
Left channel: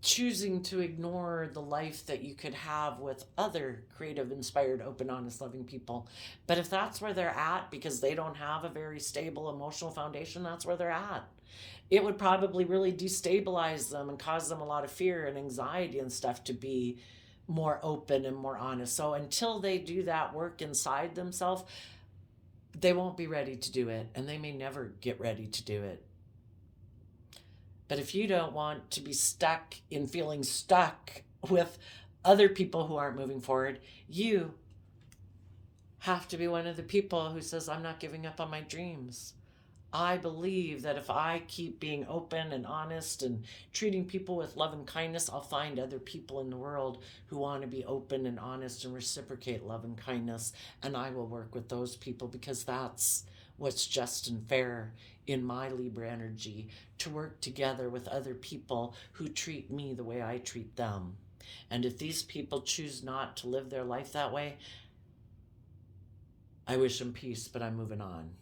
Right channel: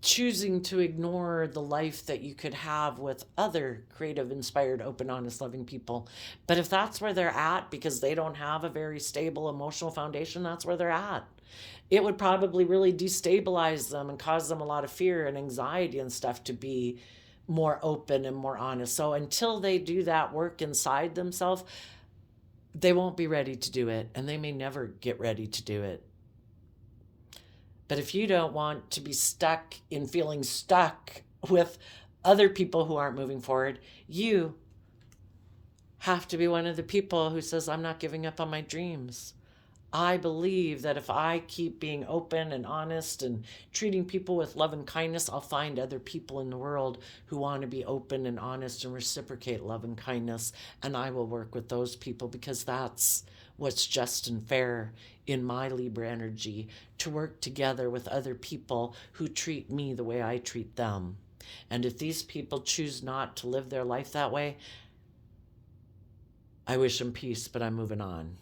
choosing to ignore the life that you could have with other creative, inspired, open, honest, loving people. But if that's where they're at because they don't have a very stable emotional foundation, that's where they're at. It would probably really destabilize them and cause them a lot of fear and anxiety and stuff to be more open and more honest. So until they do that work inside themselves, they won't be ready to do it, and they may never get ready to do it. But if you don't want to be stuck in feeling stuck with other people who aren't moving forward, you have to be one of the people who says, I'm not giving up on my dreams. I believe that if I keep being open and honest and treating people with love and kindness, I'll find other people in the world who want to be open and honest and reciprocate love and kindness. And I will work with those people, because that's what's just and fair in my Libra energy, to work together with other people who treat me the way I treat them. And if these people choose not to live their life that way, I wish them peace, but I'm moving on.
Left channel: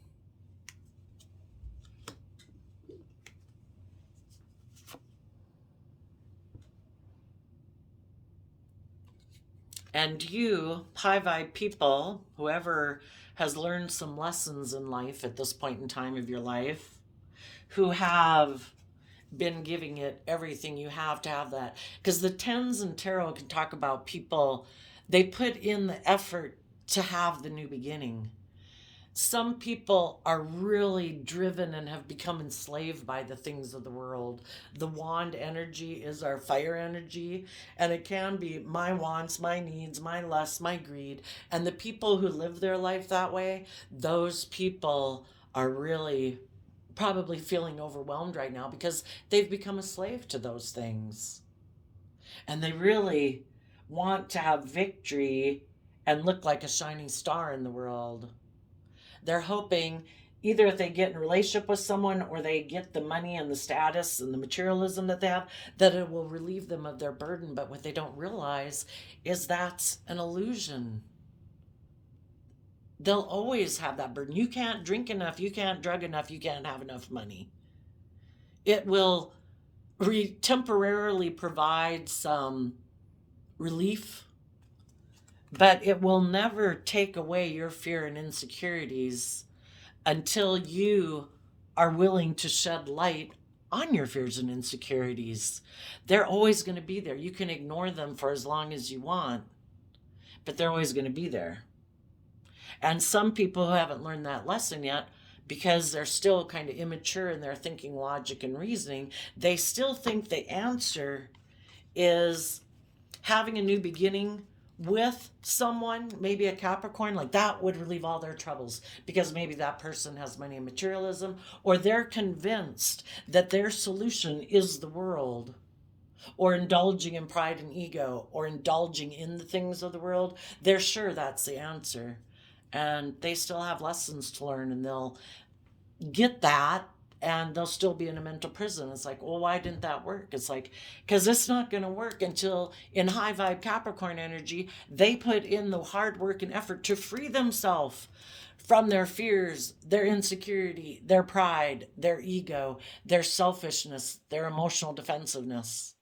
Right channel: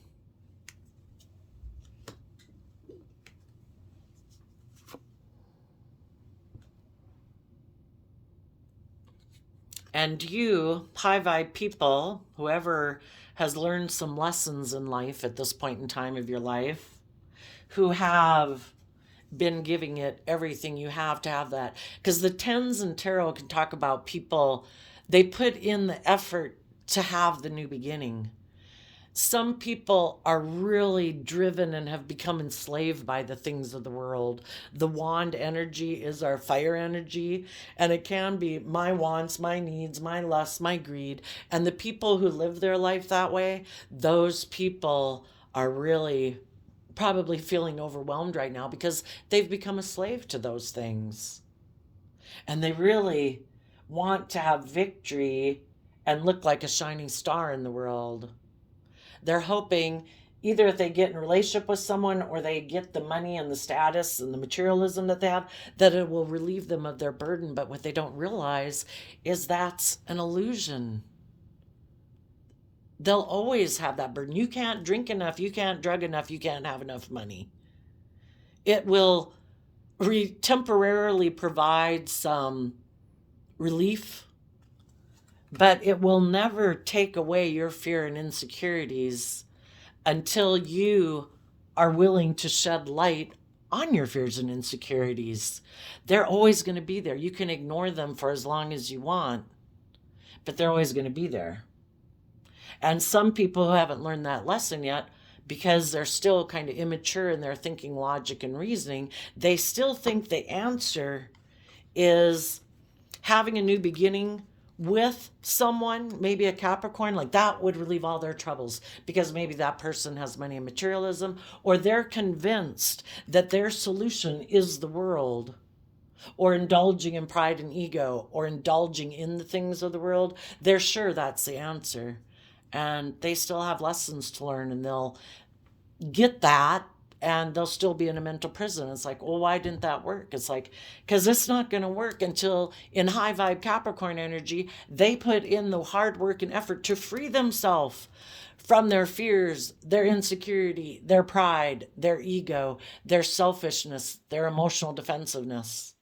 And you, high vibe people, whoever has learned some lessons in life at this point in time of your life, who have been giving it everything you have to have that. Because the tens and tarot can talk about people, they put in the effort to have the new beginning. Some people are really driven and have become enslaved by the things of the world. The wand energy is our fire energy, and it can be my wants, my needs, my lusts, my greed. And the people who live their life that way, those people are really probably feeling overwhelmed right now because they've become a slave to those things. And they really want to have victory and look like a shining star in the world. They're hoping either if they get in a relationship with someone or they get the money and the status and the materialism that they have, that it will relieve them of their burden. But what they don't realize is that's an illusion. They'll always have that burden. You can't drink enough, you can't drug enough, you can't have enough money. It will temporarily provide some relief, but it will never take away your fear and insecurities until you are willing to shed light on your fears and insecurities. They're always going to be there. You can ignore them for as long as you want, but they're always going to be there. And some people who haven't learned that lesson yet because they're still kind of immature in their thinking, logic, and reasoning. They still think the answer is having a new beginning with someone, maybe a Capricorn, like that would relieve all their troubles, because maybe that person has money and materialism, or they're convinced that their solution is the world, or indulging in pride and ego, or indulging in the things of the world. They're sure that's the answer. And they still have lessons to learn, and they'll get that, and they'll still be in a mental prison. It's like, well, why didn't that work? It's like, because it's not going to work until, in high vibe Capricorn energy, they put in the hard work and effort to free themselves from their fears, their insecurity, their pride, their ego, their selfishness, their emotional defensiveness.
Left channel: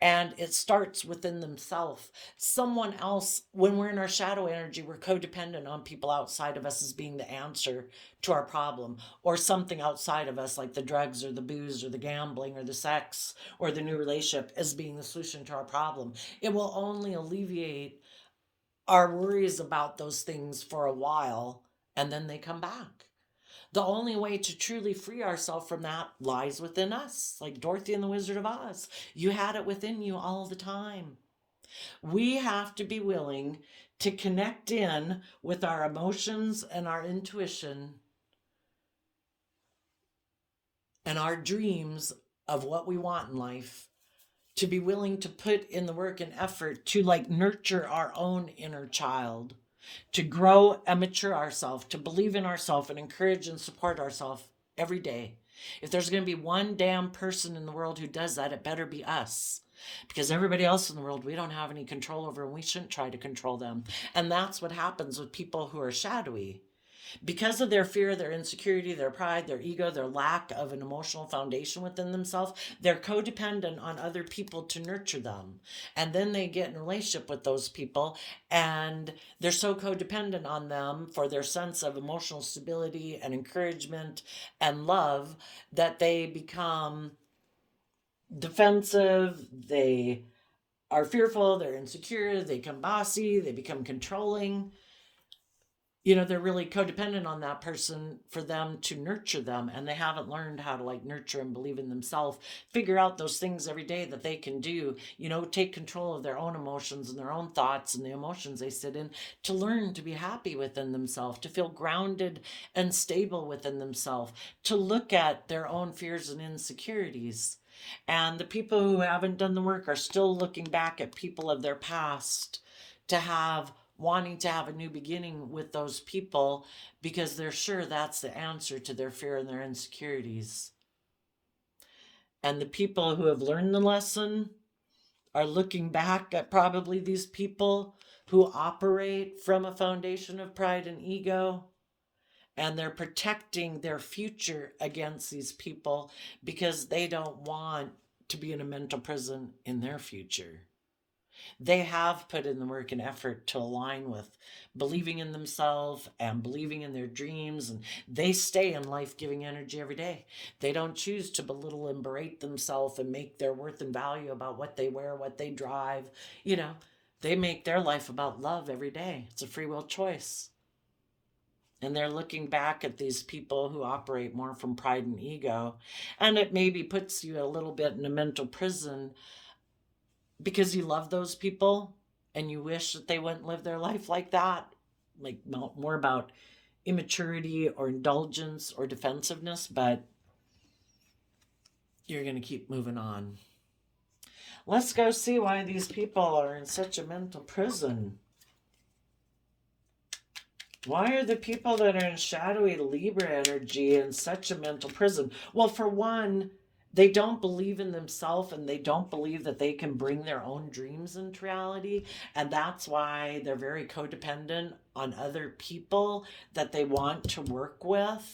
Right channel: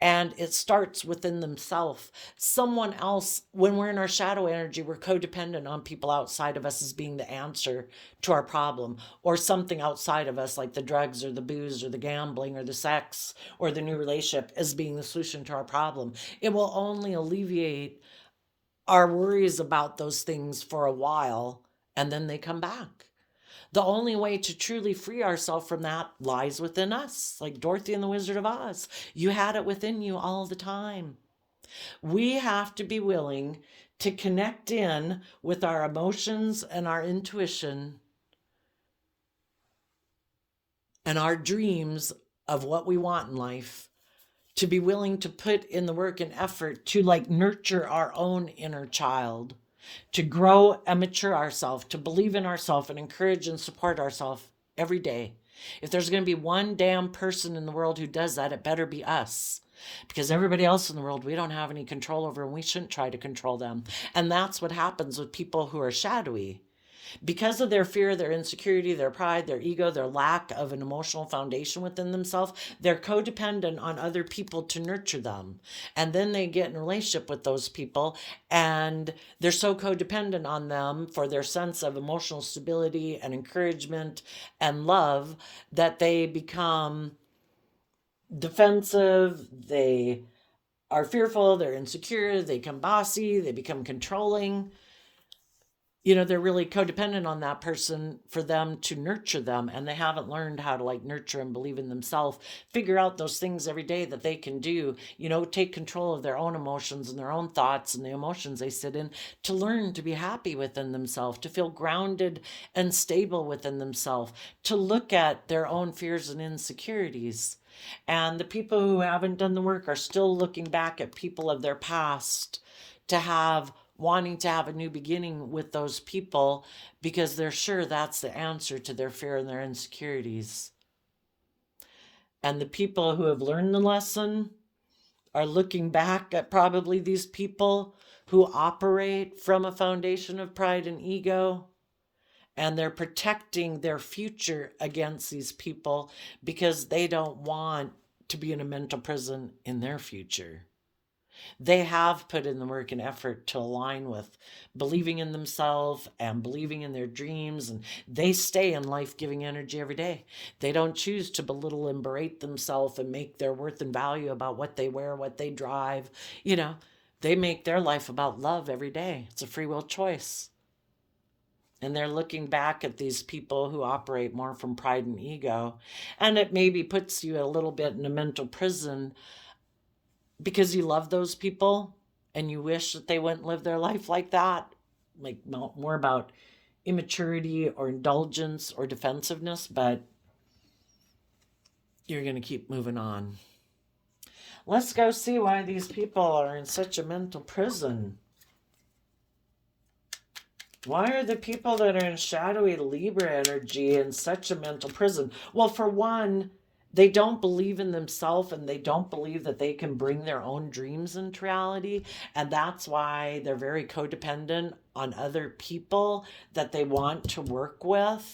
And it starts within themselves. Someone else, when we're in our shadow energy, we're codependent on people outside of us as being the answer to our problem, or something outside of us, like the drugs or the booze or the gambling or the sex or the new relationship, as being the solution to our problem. It will only alleviate our worries about those things for a while, and then they come back. The only way to truly free ourselves from that lies within us. Like Dorothy and the Wizard of Oz, you had it within you all the time. We have to be willing to connect in with our emotions and our intuition and our dreams of what we want in life, to be willing to put in the work and effort to like nurture our own inner child, to grow and mature ourselves, to believe in ourselves and encourage and support ourselves every day. If there's going to be one damn person in the world who does that, it better be us. Because everybody else in the world, we don't have any control over, and we shouldn't try to control them. And that's what happens with people who are shadowy. Because of their fear, their insecurity, their pride, their ego, their lack of an emotional foundation within themselves, they're codependent on other people to nurture them. And then they get in a relationship with those people, and they're so codependent on them for their sense of emotional stability and encouragement and love, that they become defensive, they are fearful, they're insecure, they become bossy, they become controlling. They're really codependent on that person for them to nurture them, and they haven't learned how to like nurture and believe in themselves, figure out those things every day that they can do, take control of their own emotions and their own thoughts and the emotions they sit in, to learn to be happy within themselves, to feel grounded and stable within themselves, to look at their own fears and insecurities. And the people who haven't done the work are still looking back at people of their past to have wanting to have a new beginning with those people, because they're sure that's the answer to their fear and their insecurities. And the people who have learned the lesson are looking back at probably these people who operate from a foundation of pride and ego, and they're protecting their future against these people because they don't want to be in a mental prison in their future. They have put in the work and effort to align with believing in themselves and believing in their dreams, and they stay in life-giving energy every day. They don't choose to belittle and berate themselves and make their worth and value about what they wear, what they drive. They make their life about love every day. It's a free will choice. And they're looking back at these people who operate more from pride and ego, and it maybe puts you a little bit in a mental prison because you love those people and you wish that they wouldn't live their life like that, like more about immaturity or indulgence or defensiveness, but you're going to keep moving on. Let's go see why these people are in such a mental prison. Why are the people that are in shadowy Libra energy in such a mental prison? Well, for one, they don't believe in themselves, and they don't believe that they can bring their own dreams into reality. And that's why they're very codependent on other people that they want to work with.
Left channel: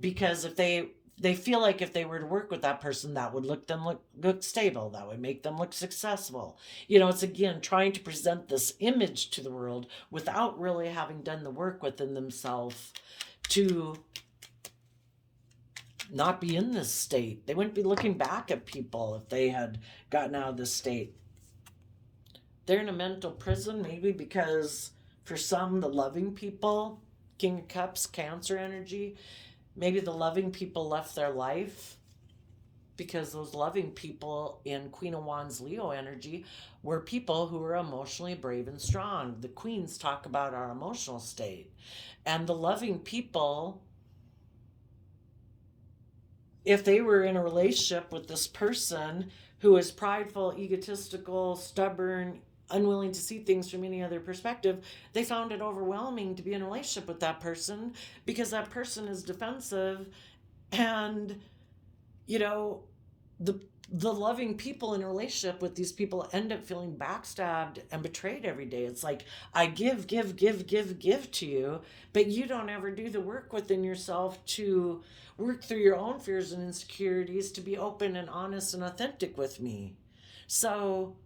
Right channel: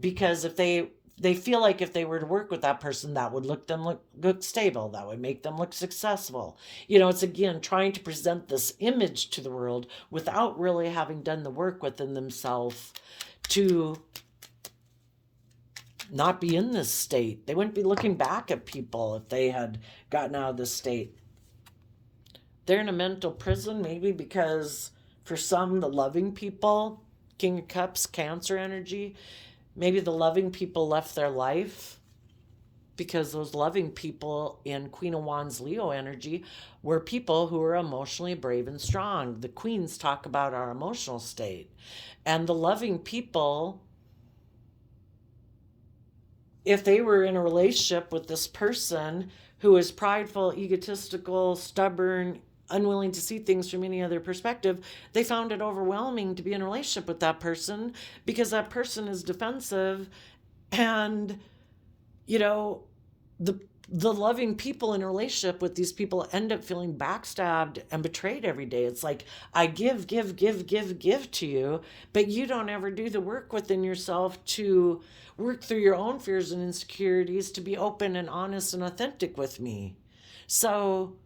Because if they feel like if they were to work with that person, that would look stable, that would make them look successful. It's again trying to present this image to the world without really having done the work within themselves to not be in this state. They wouldn't be looking back at people if they had gotten out of this state. They're in a mental prison maybe because for some, the loving people King of Cups, Cancer energy. Maybe the loving people left their life because those loving people in Queen of Wands, Leo energy, were people who were emotionally brave and strong. The queens talk about our emotional state. And the loving people, if they were in a relationship with this person who is prideful, egotistical, stubborn, unwilling to see things from any other perspective, they found it overwhelming to be in a relationship with that person because that person is defensive. And you know, the loving people in a relationship with these people end up feeling backstabbed and betrayed every day. It's like, I give to you, but you don't ever do the work within yourself to work through your own fears and insecurities to be open and honest and authentic with me. So,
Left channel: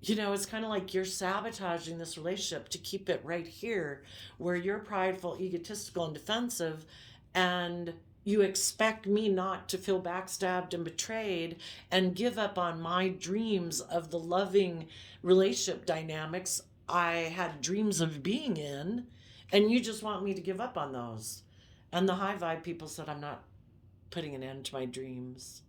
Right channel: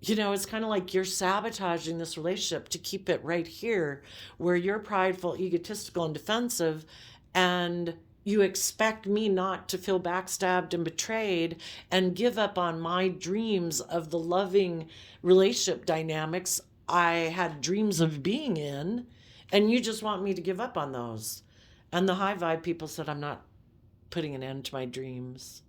it's kind of like you're sabotaging this relationship to keep it right here where you're prideful, egotistical, and defensive, and you expect me not to feel backstabbed and betrayed and give up on my dreams of the loving relationship dynamics I had dreams of being in, and you just want me to give up on those. And the high vibe people said, I'm not putting an end to my dreams.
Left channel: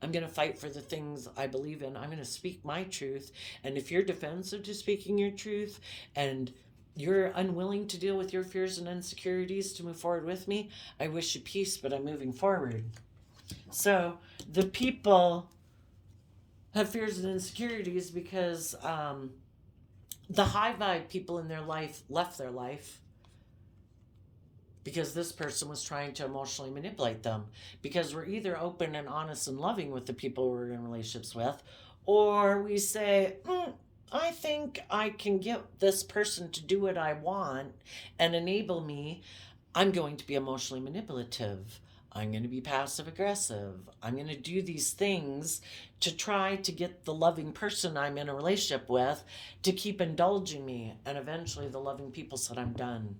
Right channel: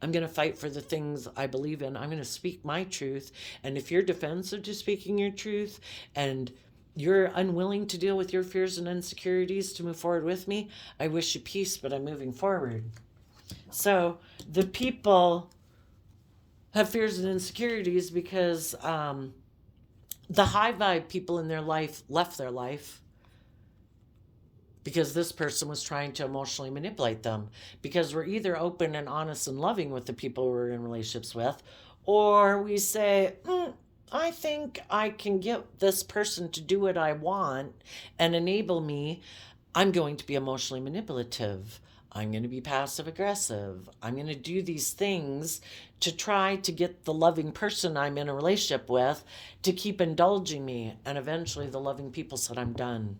I'm going to fight for the things I believe in. I'm going to speak my truth. And if you're defensive to speaking your truth and you're unwilling to deal with your fears and insecurities to move forward with me, I wish you peace, but I'm moving forward. So the people have fears and insecurities because the high vibe people in their life left their life because this person was trying to emotionally manipulate them. Because we're either open and honest and loving with the people we're in relationships with, or we say, I think I can get this person to do what I want and enable me. I'm going to be emotionally manipulative. I'm going to be passive aggressive. I'm going to do these things to try to get the loving person I'm in a relationship with to keep indulging me. And eventually the loving people said, I'm done.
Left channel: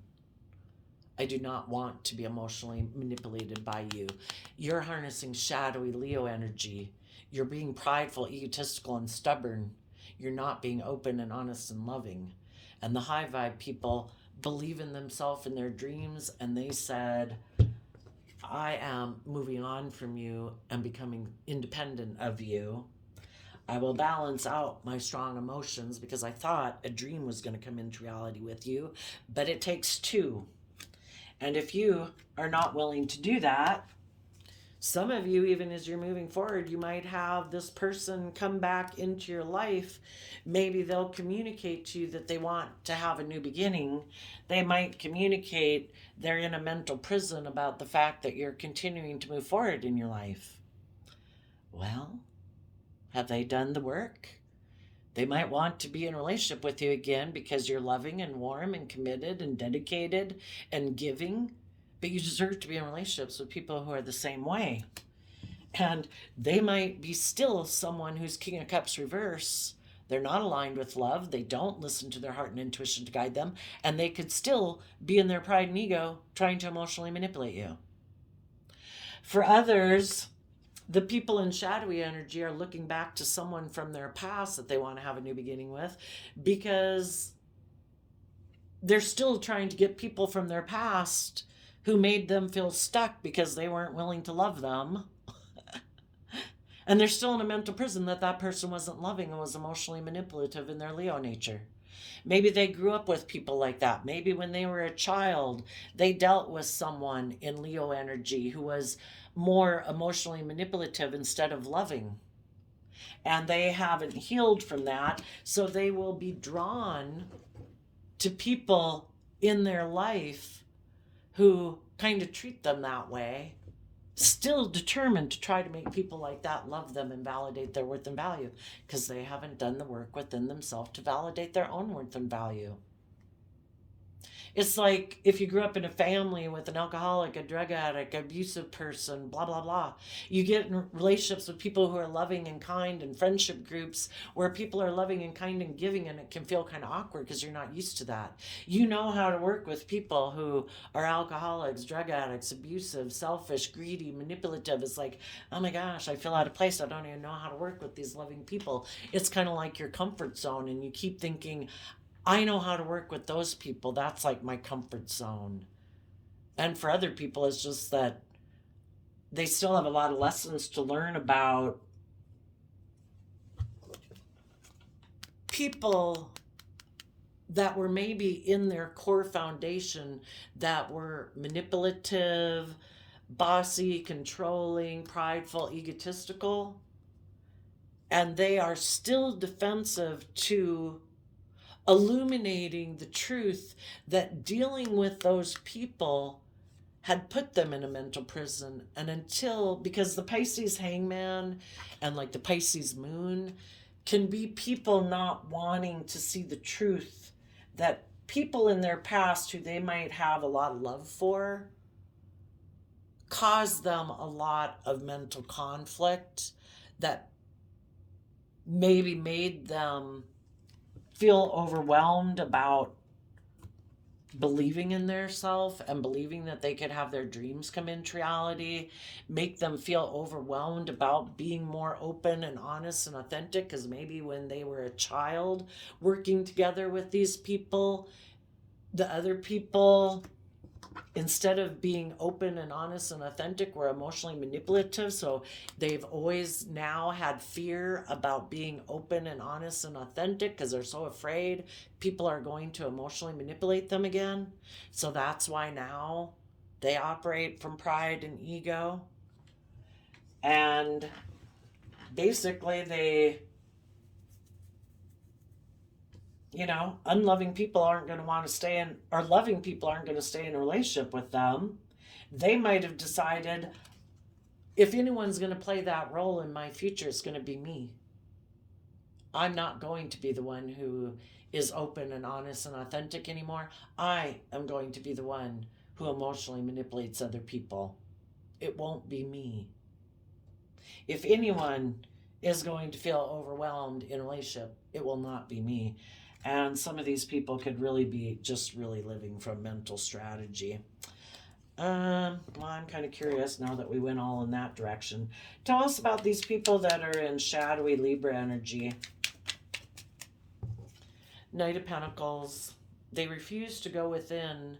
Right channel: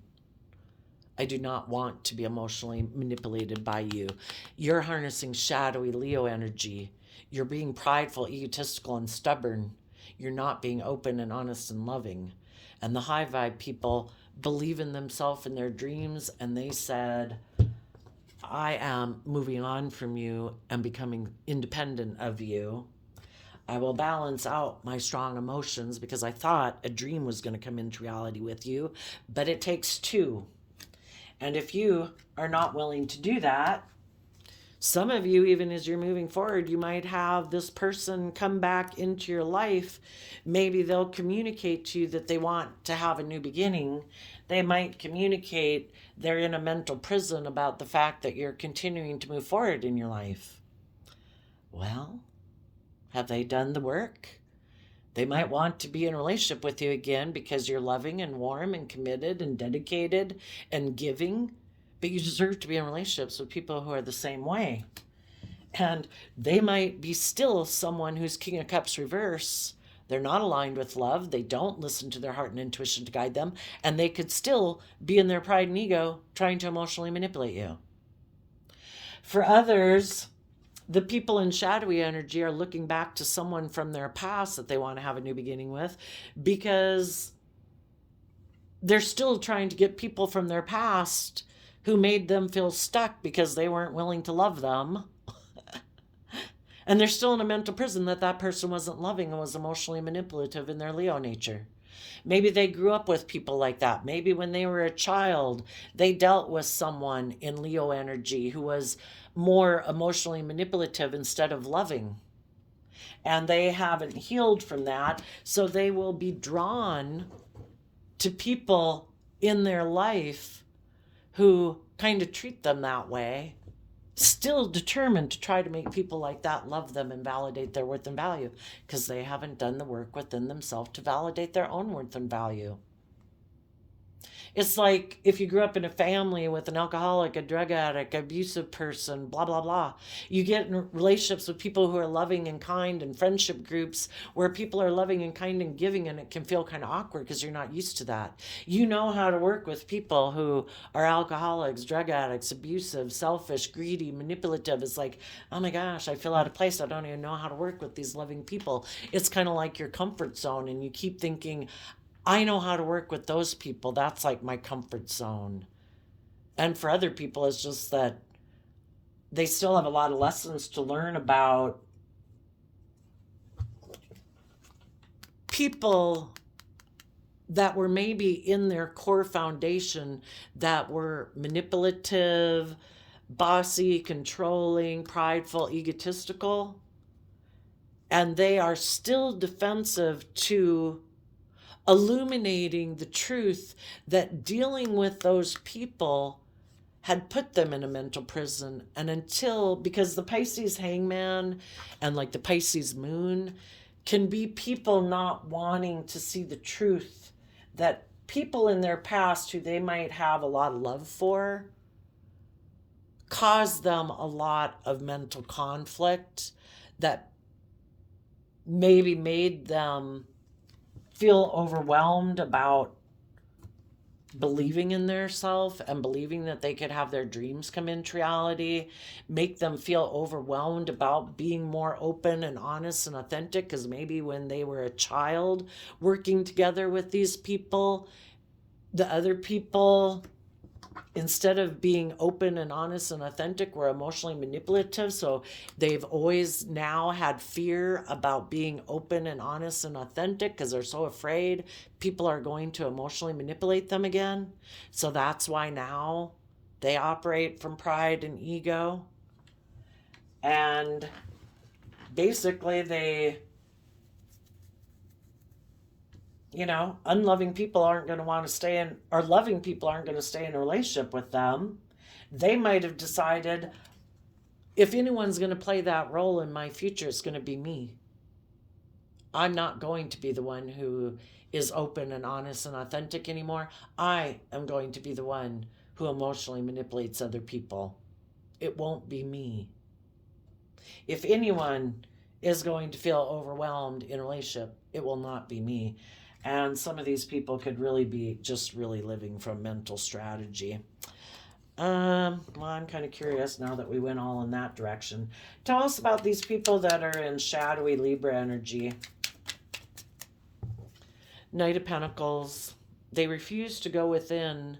I do not want to be emotionally manipulated by you. You're harnessing shadowy Leo energy. You're being prideful, egotistical, and stubborn. You're not being open and honest and loving. And the high vibe people believe in themselves and their dreams, and they said, I am moving on from you and becoming independent of you. I will balance out my strong emotions because I thought a dream was going to come into reality with you, but it takes two. And if you are not willing to do that, some of you, even as you're moving forward, you might have this person come back into your life. Maybe they'll communicate to you that they want to have a new beginning. They might communicate they're in a mental prison about the fact that you're continuing to move forward in your life. Well, have they done the work? They might want to be in a relationship with you again because you're loving and warm and committed and dedicated and giving. But you deserve to be in relationships with people who are the same way. And they might be still someone who's King of Cups reverse. They're not aligned with love. They don't listen to their heart and intuition to guide them. And they could still be in their pride and ego trying to emotionally manipulate you. For others, the people in shadowy energy are looking back to someone from their past that they want to have a new beginning with because they're still trying to get people from their past who made them feel stuck because they weren't willing to love them. And they're still in a mental prison that person wasn't loving and was emotionally manipulative in their Leo nature. Maybe they grew up with people like that. Maybe when they were a child, they dealt with someone in Leo energy who was more emotionally manipulative instead of loving. And they haven't healed from that. So they will be drawn to people in their life who kind of treat them that way, still determined to try to make people like that love them and validate their worth and value because they haven't done the work within themselves to validate their own worth and value. It's like if you grew up in a family with an alcoholic, a drug addict, abusive person, blah, blah, blah. You get in relationships with people who are loving and kind and friendship groups where people are loving and kind and giving, and it can feel kind of awkward because you're not used to that. You know how to work with people who are alcoholics, drug addicts, abusive, selfish, greedy, manipulative. It's like, oh my gosh, I feel out of place. I don't even know how to work with these loving people. It's kind of like your comfort zone, and you keep thinking, I know how to work with those people. That's like my comfort zone. And for other people, it's just that they still have a lot of lessons to learn about people that were maybe in their core foundation that were manipulative, bossy, controlling, prideful, egotistical. And they are still defensive to illuminating the truth that dealing with those people had put them in a mental prison. And until, because the Pisces hangman and like the Pisces moon can be people not wanting to see the truth that people in their past who they might have a lot of love for caused them a lot of mental conflict that maybe made them feel overwhelmed about believing in their self and believing that they could have their dreams come into reality, make them feel overwhelmed about being more open and honest and authentic, because maybe when they were a child working together with these people, the other people, instead of being open and honest and authentic, were emotionally manipulative. So they've always now had fear about being open and honest and authentic because they're so afraid people are going to emotionally manipulate them again. So that's why now they operate from pride and ego. And basically unloving people aren't going to want to stay in, or loving people aren't going to stay in a relationship with them. They might have decided, if anyone's going to play that role in my future, it's going to be me. I'm not going to be the one who is open and honest and authentic anymore. I am going to be the one who emotionally manipulates other people. It won't be me. If anyone is going to feel overwhelmed in a relationship, it will not be me. And some of these people could really be just really living from mental strategy. Well, I'm kind of curious now that we went all in that direction. Tell us about these people that are in shadowy Libra energy. Knight of Pentacles. They refuse to go within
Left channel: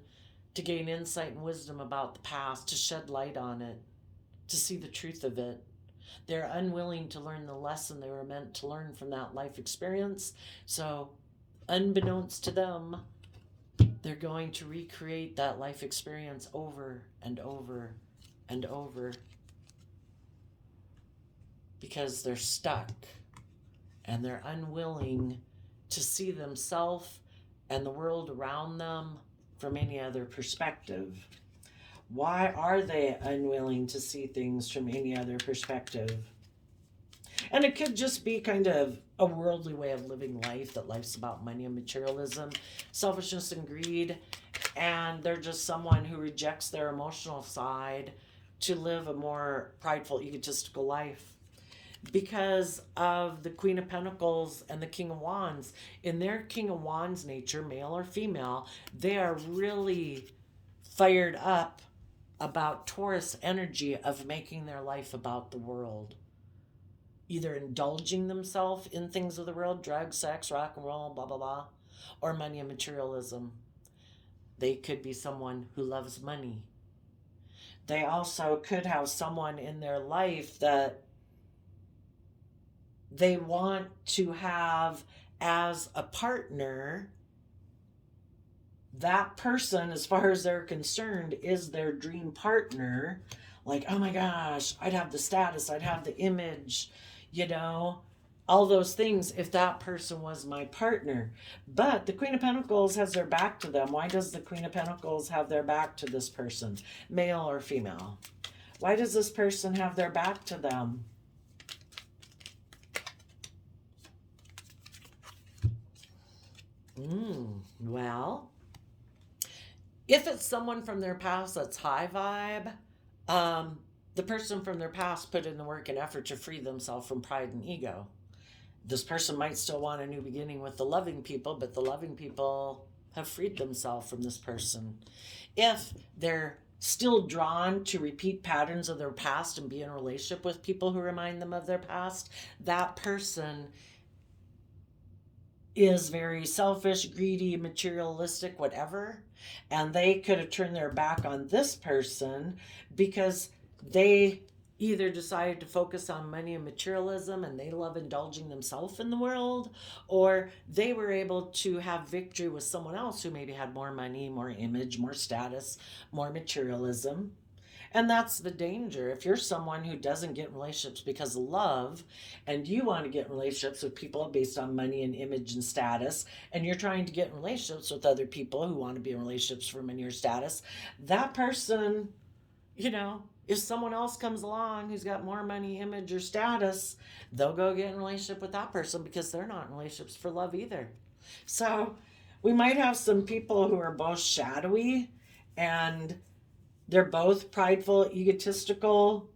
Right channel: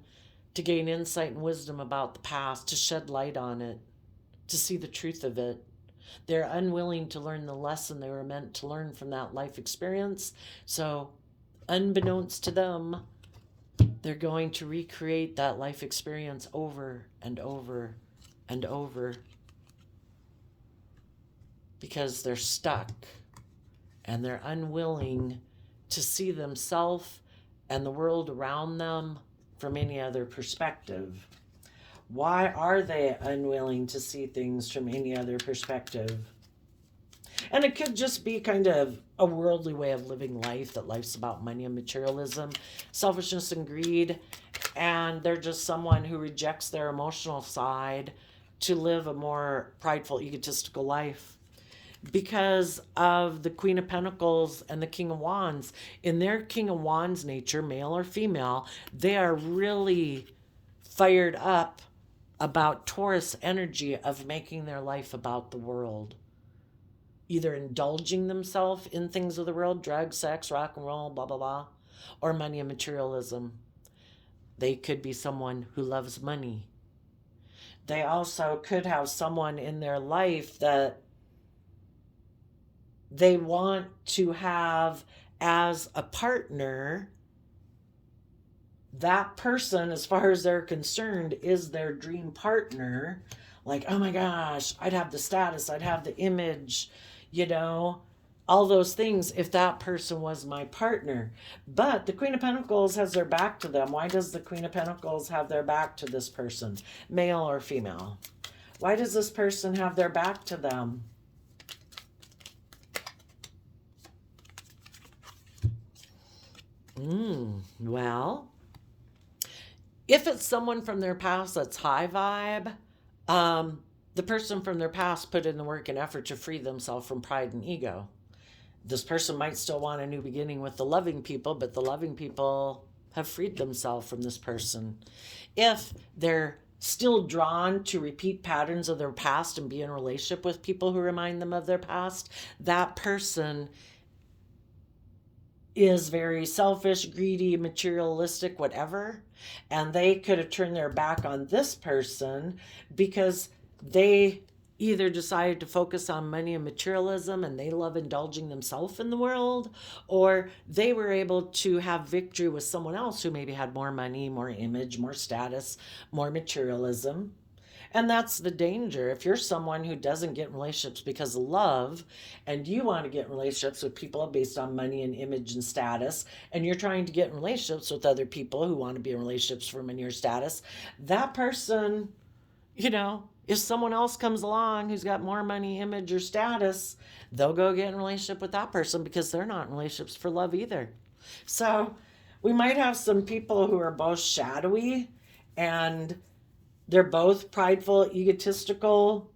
to gain insight and wisdom about the past, to shed light on it, to see the truth of it. They're unwilling to learn the lesson they were meant to learn from that life experience. So unbeknownst to them, they're going to recreate that life experience over and over and over because they're stuck and they're unwilling to see themselves and the world around them from any other perspective. Why are they unwilling to see things from any other perspective? And it could just be kind of a worldly way of living life, that life's about money and materialism, selfishness and greed, and they're just someone who rejects their emotional side to live a more prideful, egotistical life. Because of the Queen of Pentacles and the King of Wands, in their King of Wands nature, male or female, they are really fired up about Taurus energy of making their life about the world. Either indulging themselves in things of the world, drugs, sex, rock and roll, blah, blah, blah, or money and materialism. They could be someone who loves money. They also could have someone in their life that they want to have as a partner. That person, as far as they're concerned, is their dream partner. Like, oh my gosh, I'd have the status, I'd have the image, all those things if that person was my partner. But the Queen of Pentacles has their back to them. Why does the Queen of Pentacles have their back to this person, male or female? Why does this person have their back to them? Well, if it's someone from their past that's high vibe, the person from their past put in the work and effort to free themselves from pride and ego. This person might still want a new beginning with the loving people, but the loving people have freed themselves from this person. If they're still drawn to repeat patterns of their past and be in a relationship with people who remind them of their past, that person is very selfish, greedy, materialistic, whatever. And they could have turned their back on this person because they either decided to focus on money and materialism and they love indulging themselves in the world, or they were able to have victory with someone else who maybe had more money, more image, more status, more materialism. And that's the danger. If you're someone who doesn't get in relationships because of love, and you want to get in relationships with people based on money and image and status, and you're trying to get in relationships with other people who want to be in relationships for money or status, that person, if someone else comes along who's got more money, image, or status, they'll go get in a relationship with that person because they're not in relationships for love either. So we might have some people who are both shadowy and they're both prideful, egotistical,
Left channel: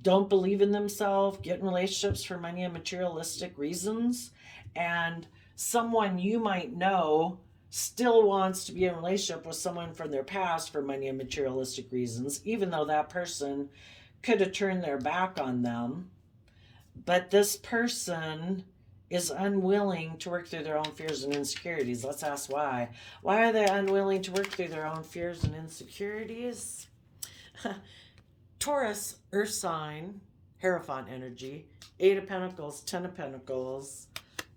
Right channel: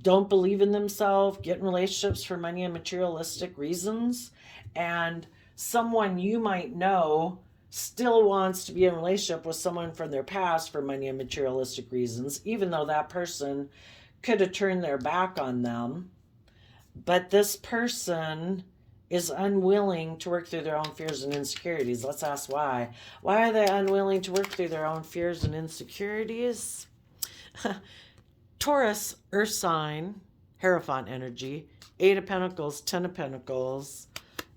don't believe in themselves, get in relationships for money and materialistic reasons. And someone you might know still wants to be in a relationship with someone from their past for money and materialistic reasons, even though that person could have turned their back on them. But this person is unwilling to work through their own fears and insecurities. Let's ask why. Why are they unwilling to work through their own fears and insecurities? Taurus, Earth sign, Hierophant energy, Eight of Pentacles, Ten of Pentacles,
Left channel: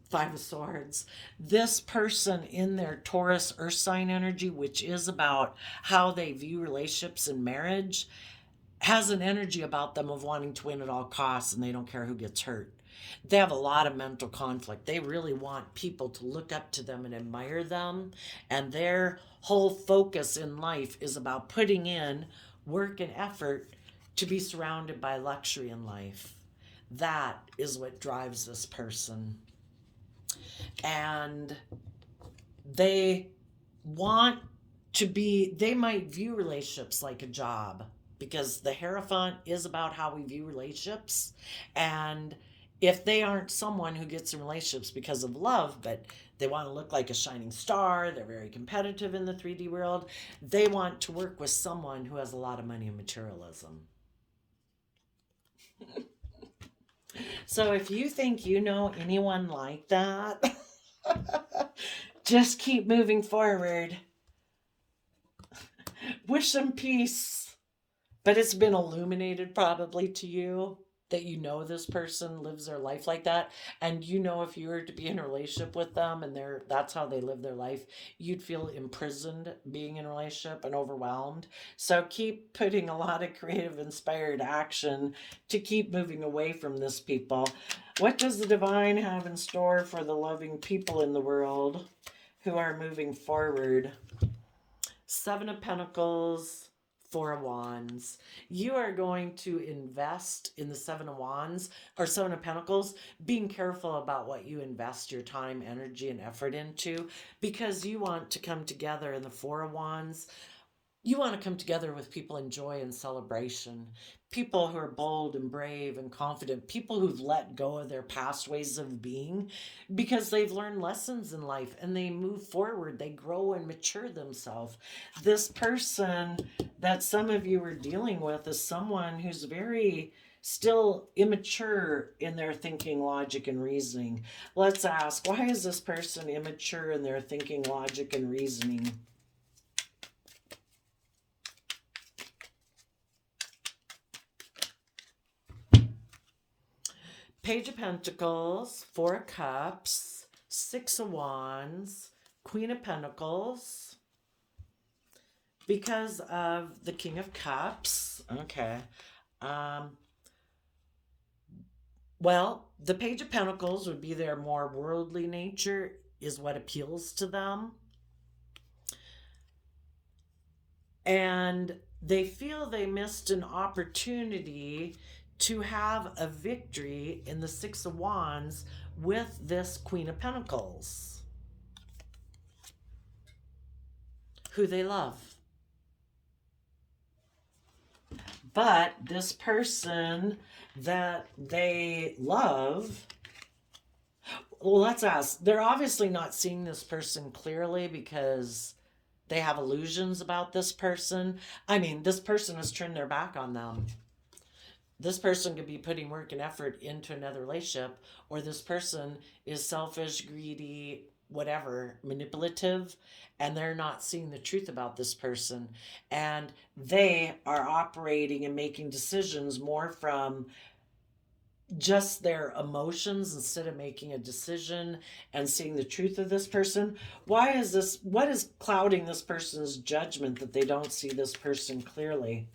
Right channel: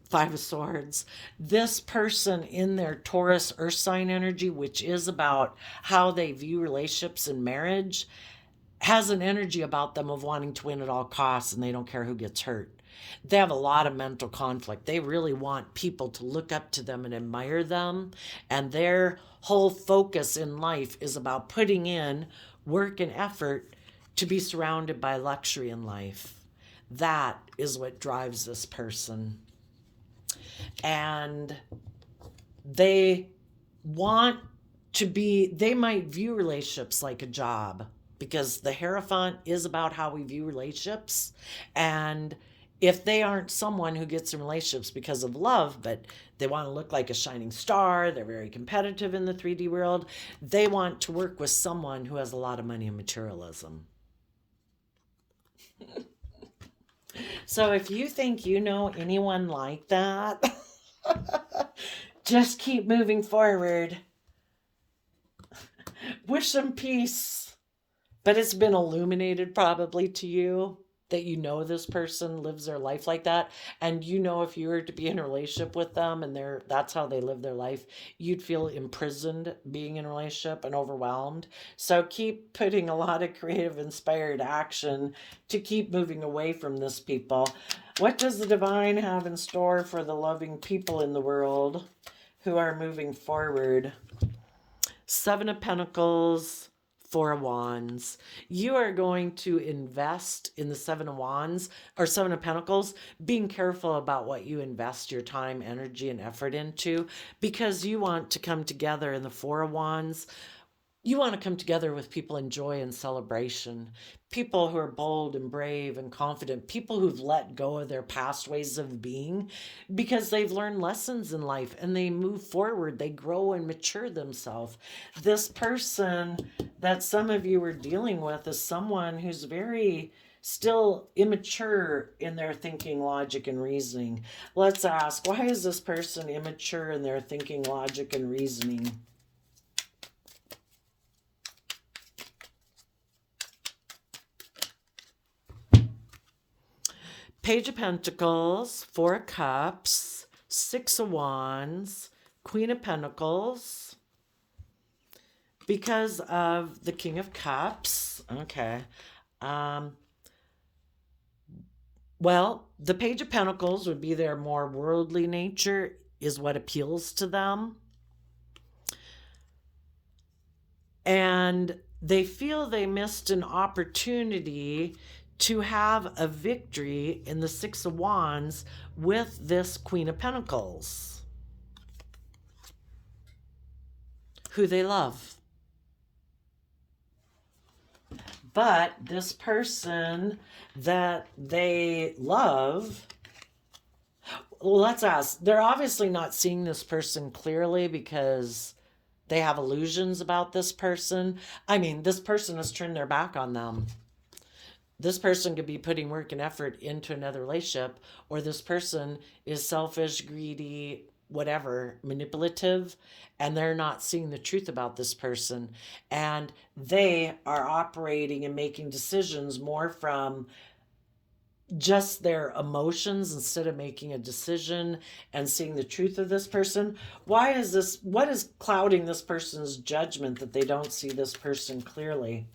Five of Swords. This person in their Taurus Earth sign energy, which is about how they view relationships and marriage, has an energy about them of wanting to win at all costs, and they don't care who gets hurt. They have a lot of mental conflict. They really want people to look up to them and admire them. And their whole focus in life is about putting in work and effort to be surrounded by luxury in life. That is what drives this person. And they want to be, they might view relationships like a job because the Hierophant is about how we view relationships. And if they aren't someone who gets in relationships because of love, but they want to look like a shining star, they're very competitive in the 3D world, they want to work with someone who has a lot of money and materialism. So if you think you know anyone like that, just keep moving forward. Wish them peace. But it's been illuminated probably to you that you know this person lives their life like that. And if you were to be in a relationship with them and that's how they live their life, you'd feel imprisoned being in a relationship and overwhelmed. So keep putting a lot of creative, inspired action to keep moving away from this people. What does the divine have in store for the loving people in the world who are moving forward? Seven of Pentacles, Four of Wands. You are going to invest in the Seven of Wands or Seven of Pentacles, being careful about what you invest your time, energy, and effort into, because you want to come together in the Four of Wands. You want to come together with people in joy and celebration, people who are bold and brave and confident, people who've let go of their past ways of being because they've learned lessons in life and they move forward, they grow and mature themselves. This person that some of you are dealing with is someone who's very still immature in their thinking, logic, and reasoning. Let's ask, why is this person immature in their thinking, logic, and reasoning? Page of Pentacles, Four of Cups, Six of Wands, Queen of Pentacles, because of the King of Cups. Okay. Well, the Page of Pentacles would be their more worldly nature, is what appeals to them. And they feel they missed an opportunity to have a victory in the Six of Wands with this Queen of Pentacles, who they love. But this person that they love, let's ask, they're obviously not seeing this person clearly because they have illusions about this person. I mean, this person has turned their back on them. this person could be putting work and effort into another relationship, or this person is selfish, greedy, whatever, manipulative, and they're not seeing the truth about this person. And they are operating and making decisions more from just their emotions instead of making a decision and seeing the truth of this person. Why is this? What is clouding this person's judgment that they don't see this person clearly?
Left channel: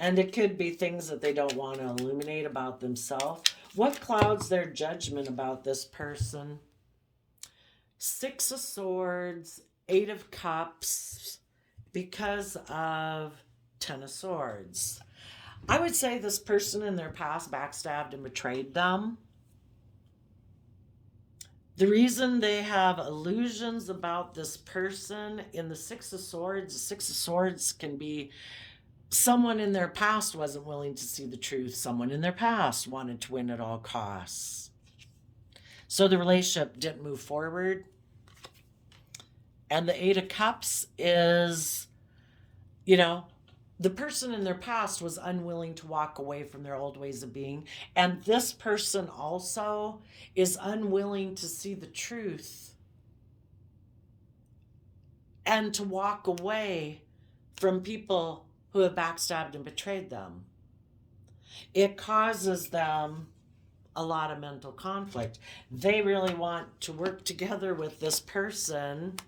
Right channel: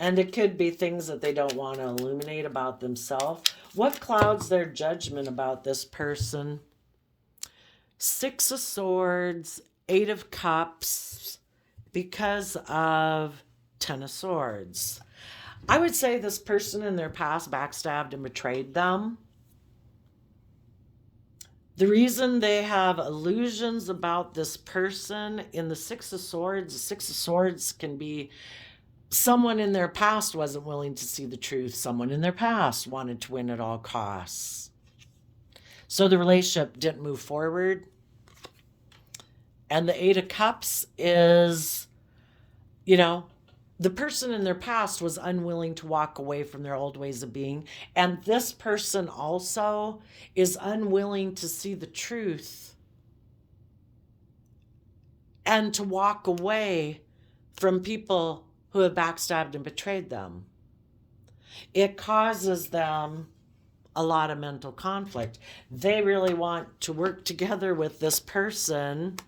And it could be things that they don't want to illuminate about themselves. What clouds their judgment about this person? Six of Swords, Eight of Cups, because of Ten of Swords. I would say this person in their past backstabbed and betrayed them. The reason they have illusions about this person in the Six of Swords can be someone in their past wasn't willing to see the truth. Someone in their past wanted to win at all costs. So the relationship didn't move forward. And the Eight of Cups is, the person in their past was unwilling to walk away from their old ways of being. And this person also is unwilling to see the truth and to walk away from people who have backstabbed and betrayed them. It causes them a lot of mental conflict. They really want to work together with this person.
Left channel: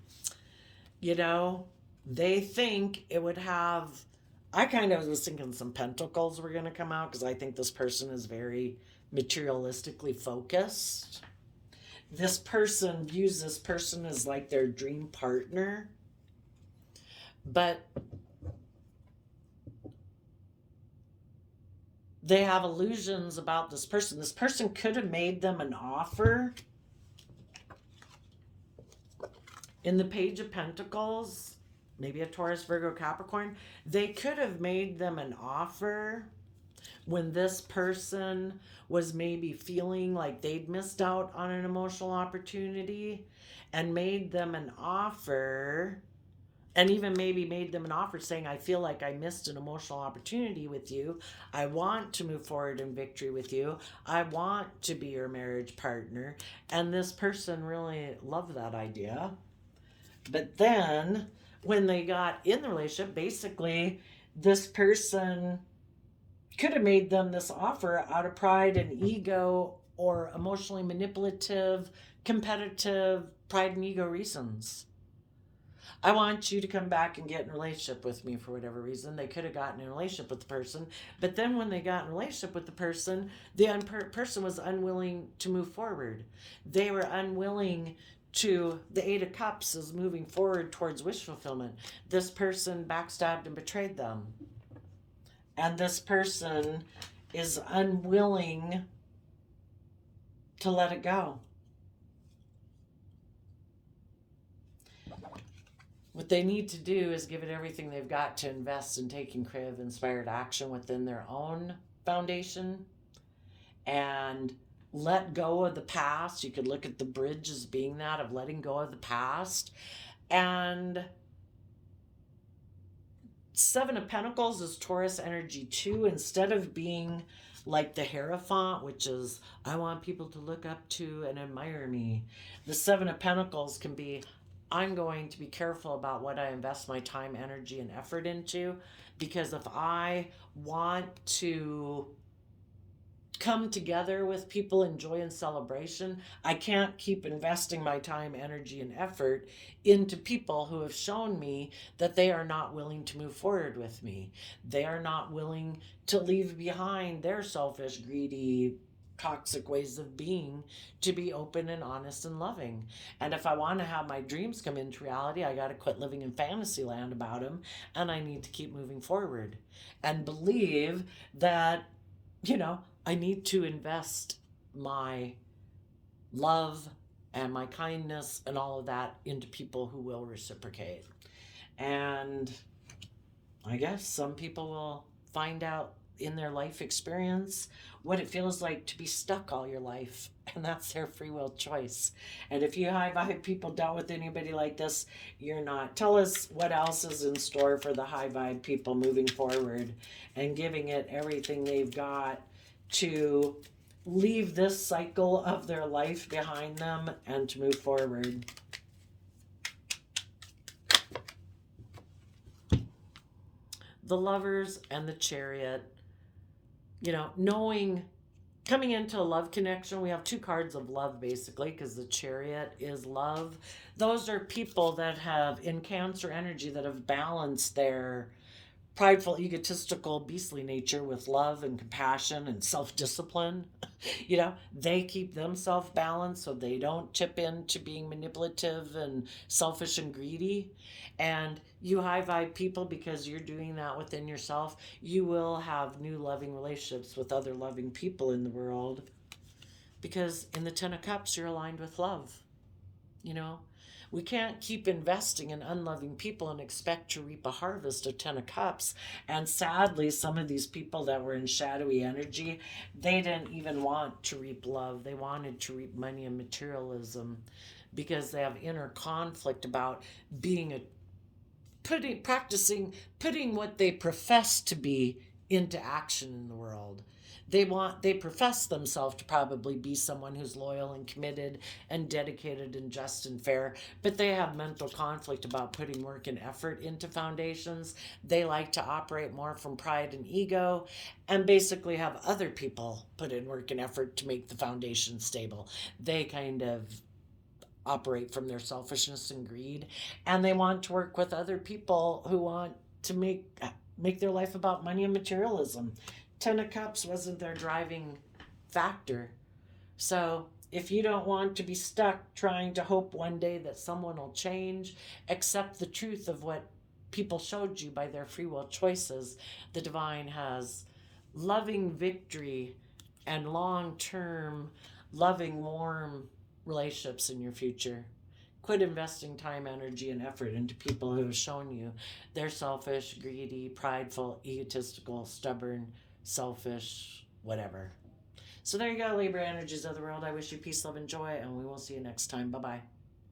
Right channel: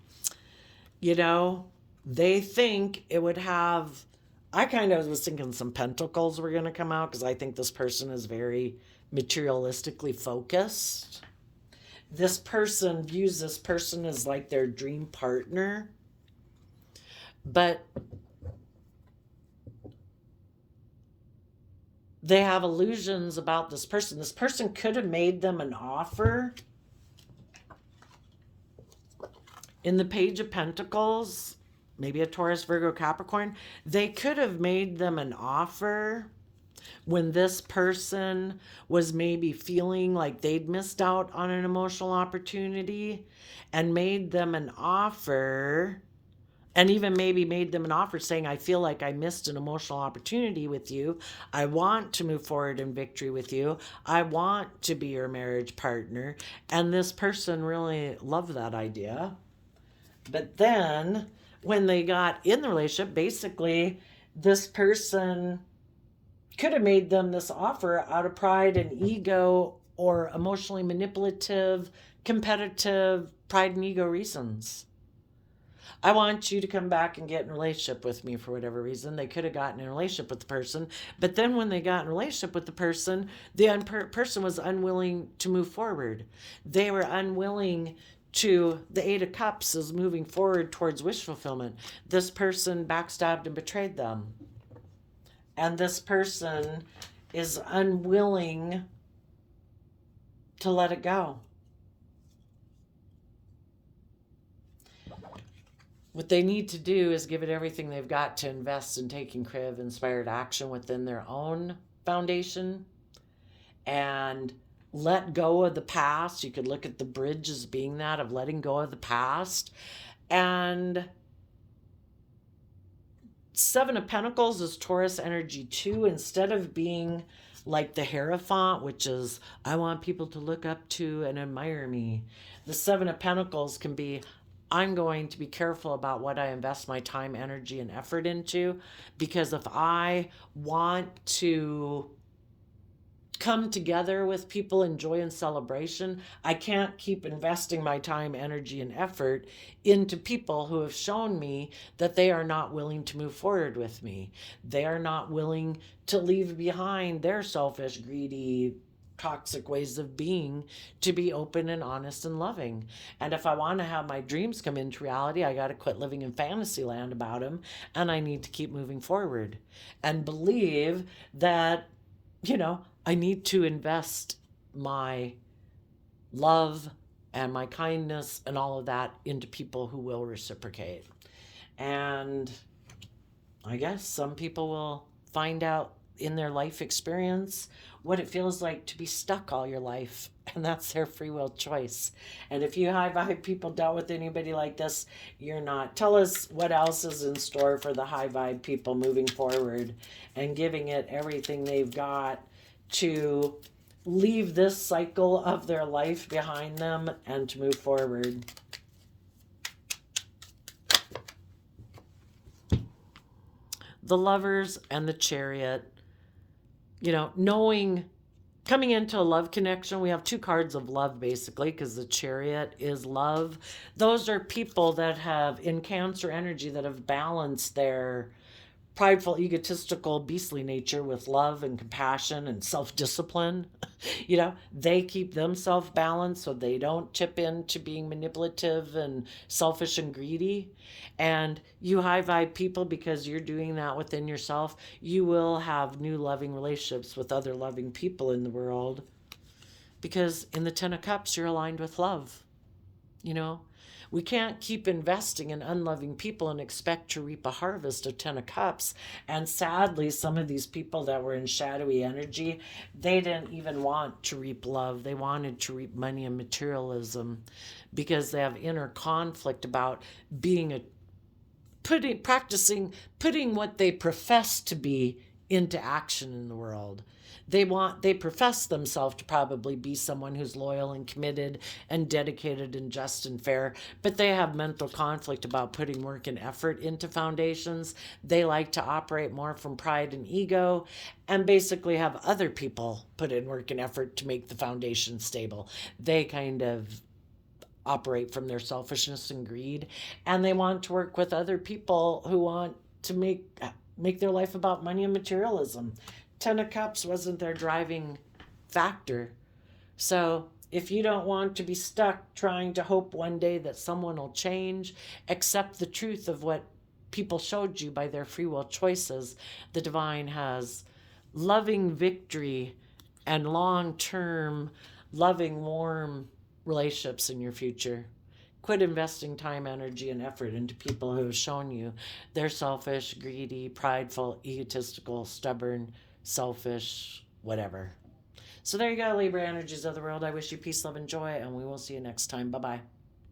They think it would have, I kind of was thinking some pentacles were going to come out because I think this person is very materialistically focused. This person views this person as like their dream partner. But they have illusions about this person. This person could have made them an offer. In the Page of Pentacles, maybe a Taurus, Virgo, Capricorn, they could have made them an offer when this person was maybe feeling like they'd missed out on an emotional opportunity, and made them an offer, and even maybe made them an offer saying, I feel like I missed an emotional opportunity with you. I want to move forward in victory with you. I want to be your marriage partner. And this person really loved that idea. But then when they got in the relationship, basically this person could have made them this offer out of pride and ego, or emotionally manipulative, competitive, pride and ego reasons. I want you to come back and get in a relationship with me for whatever reason. They could have gotten in a relationship with the person. But then when they got in a relationship with the person, the person was unwilling to move forward. They were unwilling to, the Eight of Cups is moving forward towards wish fulfillment. This person backstabbed and betrayed them. And this person is unwilling to let it go. What they need to do is give it everything they've got to invest in taking creative, inspired action within their own foundation and let go of the past. You could look at the bridge as being that, of letting go of the past. And Seven of Pentacles is Taurus energy too. Instead of being like the Hierophant, which is, I want people to look up to and admire me, the Seven of Pentacles can be, I'm going to be careful about what I invest my time, energy, and effort into, because if I want to come together with people in joy and celebration, I can't keep investing my time, energy, and effort into people who have shown me that they are not willing to move forward with me. They are not willing to leave behind their selfish, greedy, toxic ways of being to be open and honest and loving. And if I want to have my dreams come into reality, I got to quit living in fantasy land about them, and I need to keep moving forward and believe that, I need to invest my love and my kindness and all of that into people who will reciprocate. And I guess some people will find out in their life experience what it feels like to be stuck all your life. And that's their free will choice. And if you high vibe people dealt with anybody like this, you're not. Tell us what else is in store for the high vibe people moving forward and giving it everything they've got to leave this cycle of their life behind them and to move forward. The Lovers and the Chariot, knowing, coming into a love connection, we have two cards of love basically, because the Chariot is love. Those are people that have, in Cancer energy, that have balanced their prideful, egotistical, beastly nature with love and compassion and self-discipline. They keep themselves balanced so they don't chip into being manipulative and selfish and greedy. And you high vibe people, because you're doing that within yourself, you will have new loving relationships with other loving people in the world. Because in the Ten of Cups, you're aligned with love. We can't keep investing in unloving people and expect to reap a harvest of Ten of Cups. And sadly, some of these people that were in shadowy energy, they didn't even want to reap love. They wanted to reap money and materialism, because they have inner conflict about practicing putting what they profess to be into action in the world. They profess themselves to probably be someone who's loyal and committed and dedicated and just and fair, but they have mental conflict about putting work and effort into foundations. They like to operate more from pride and ego, and basically have other people put in work and effort to make the foundation stable. They kind of operate from their selfishness and greed, and they want to work with other people who want to make their life about money and materialism. Ten of Cups wasn't their driving factor. So if you don't want to be stuck trying to hope one day that someone will change, accept the truth of what people showed you by their free will choices. The divine has loving victory and long-term, loving, warm relationships in your future. Quit investing time, energy, and effort into people who have shown you they're selfish, greedy, prideful, egotistical, stubborn, selfish, whatever. So there you go, Libra energies of the world. I wish you peace, love, and joy, and we will see you next time. Bye-bye.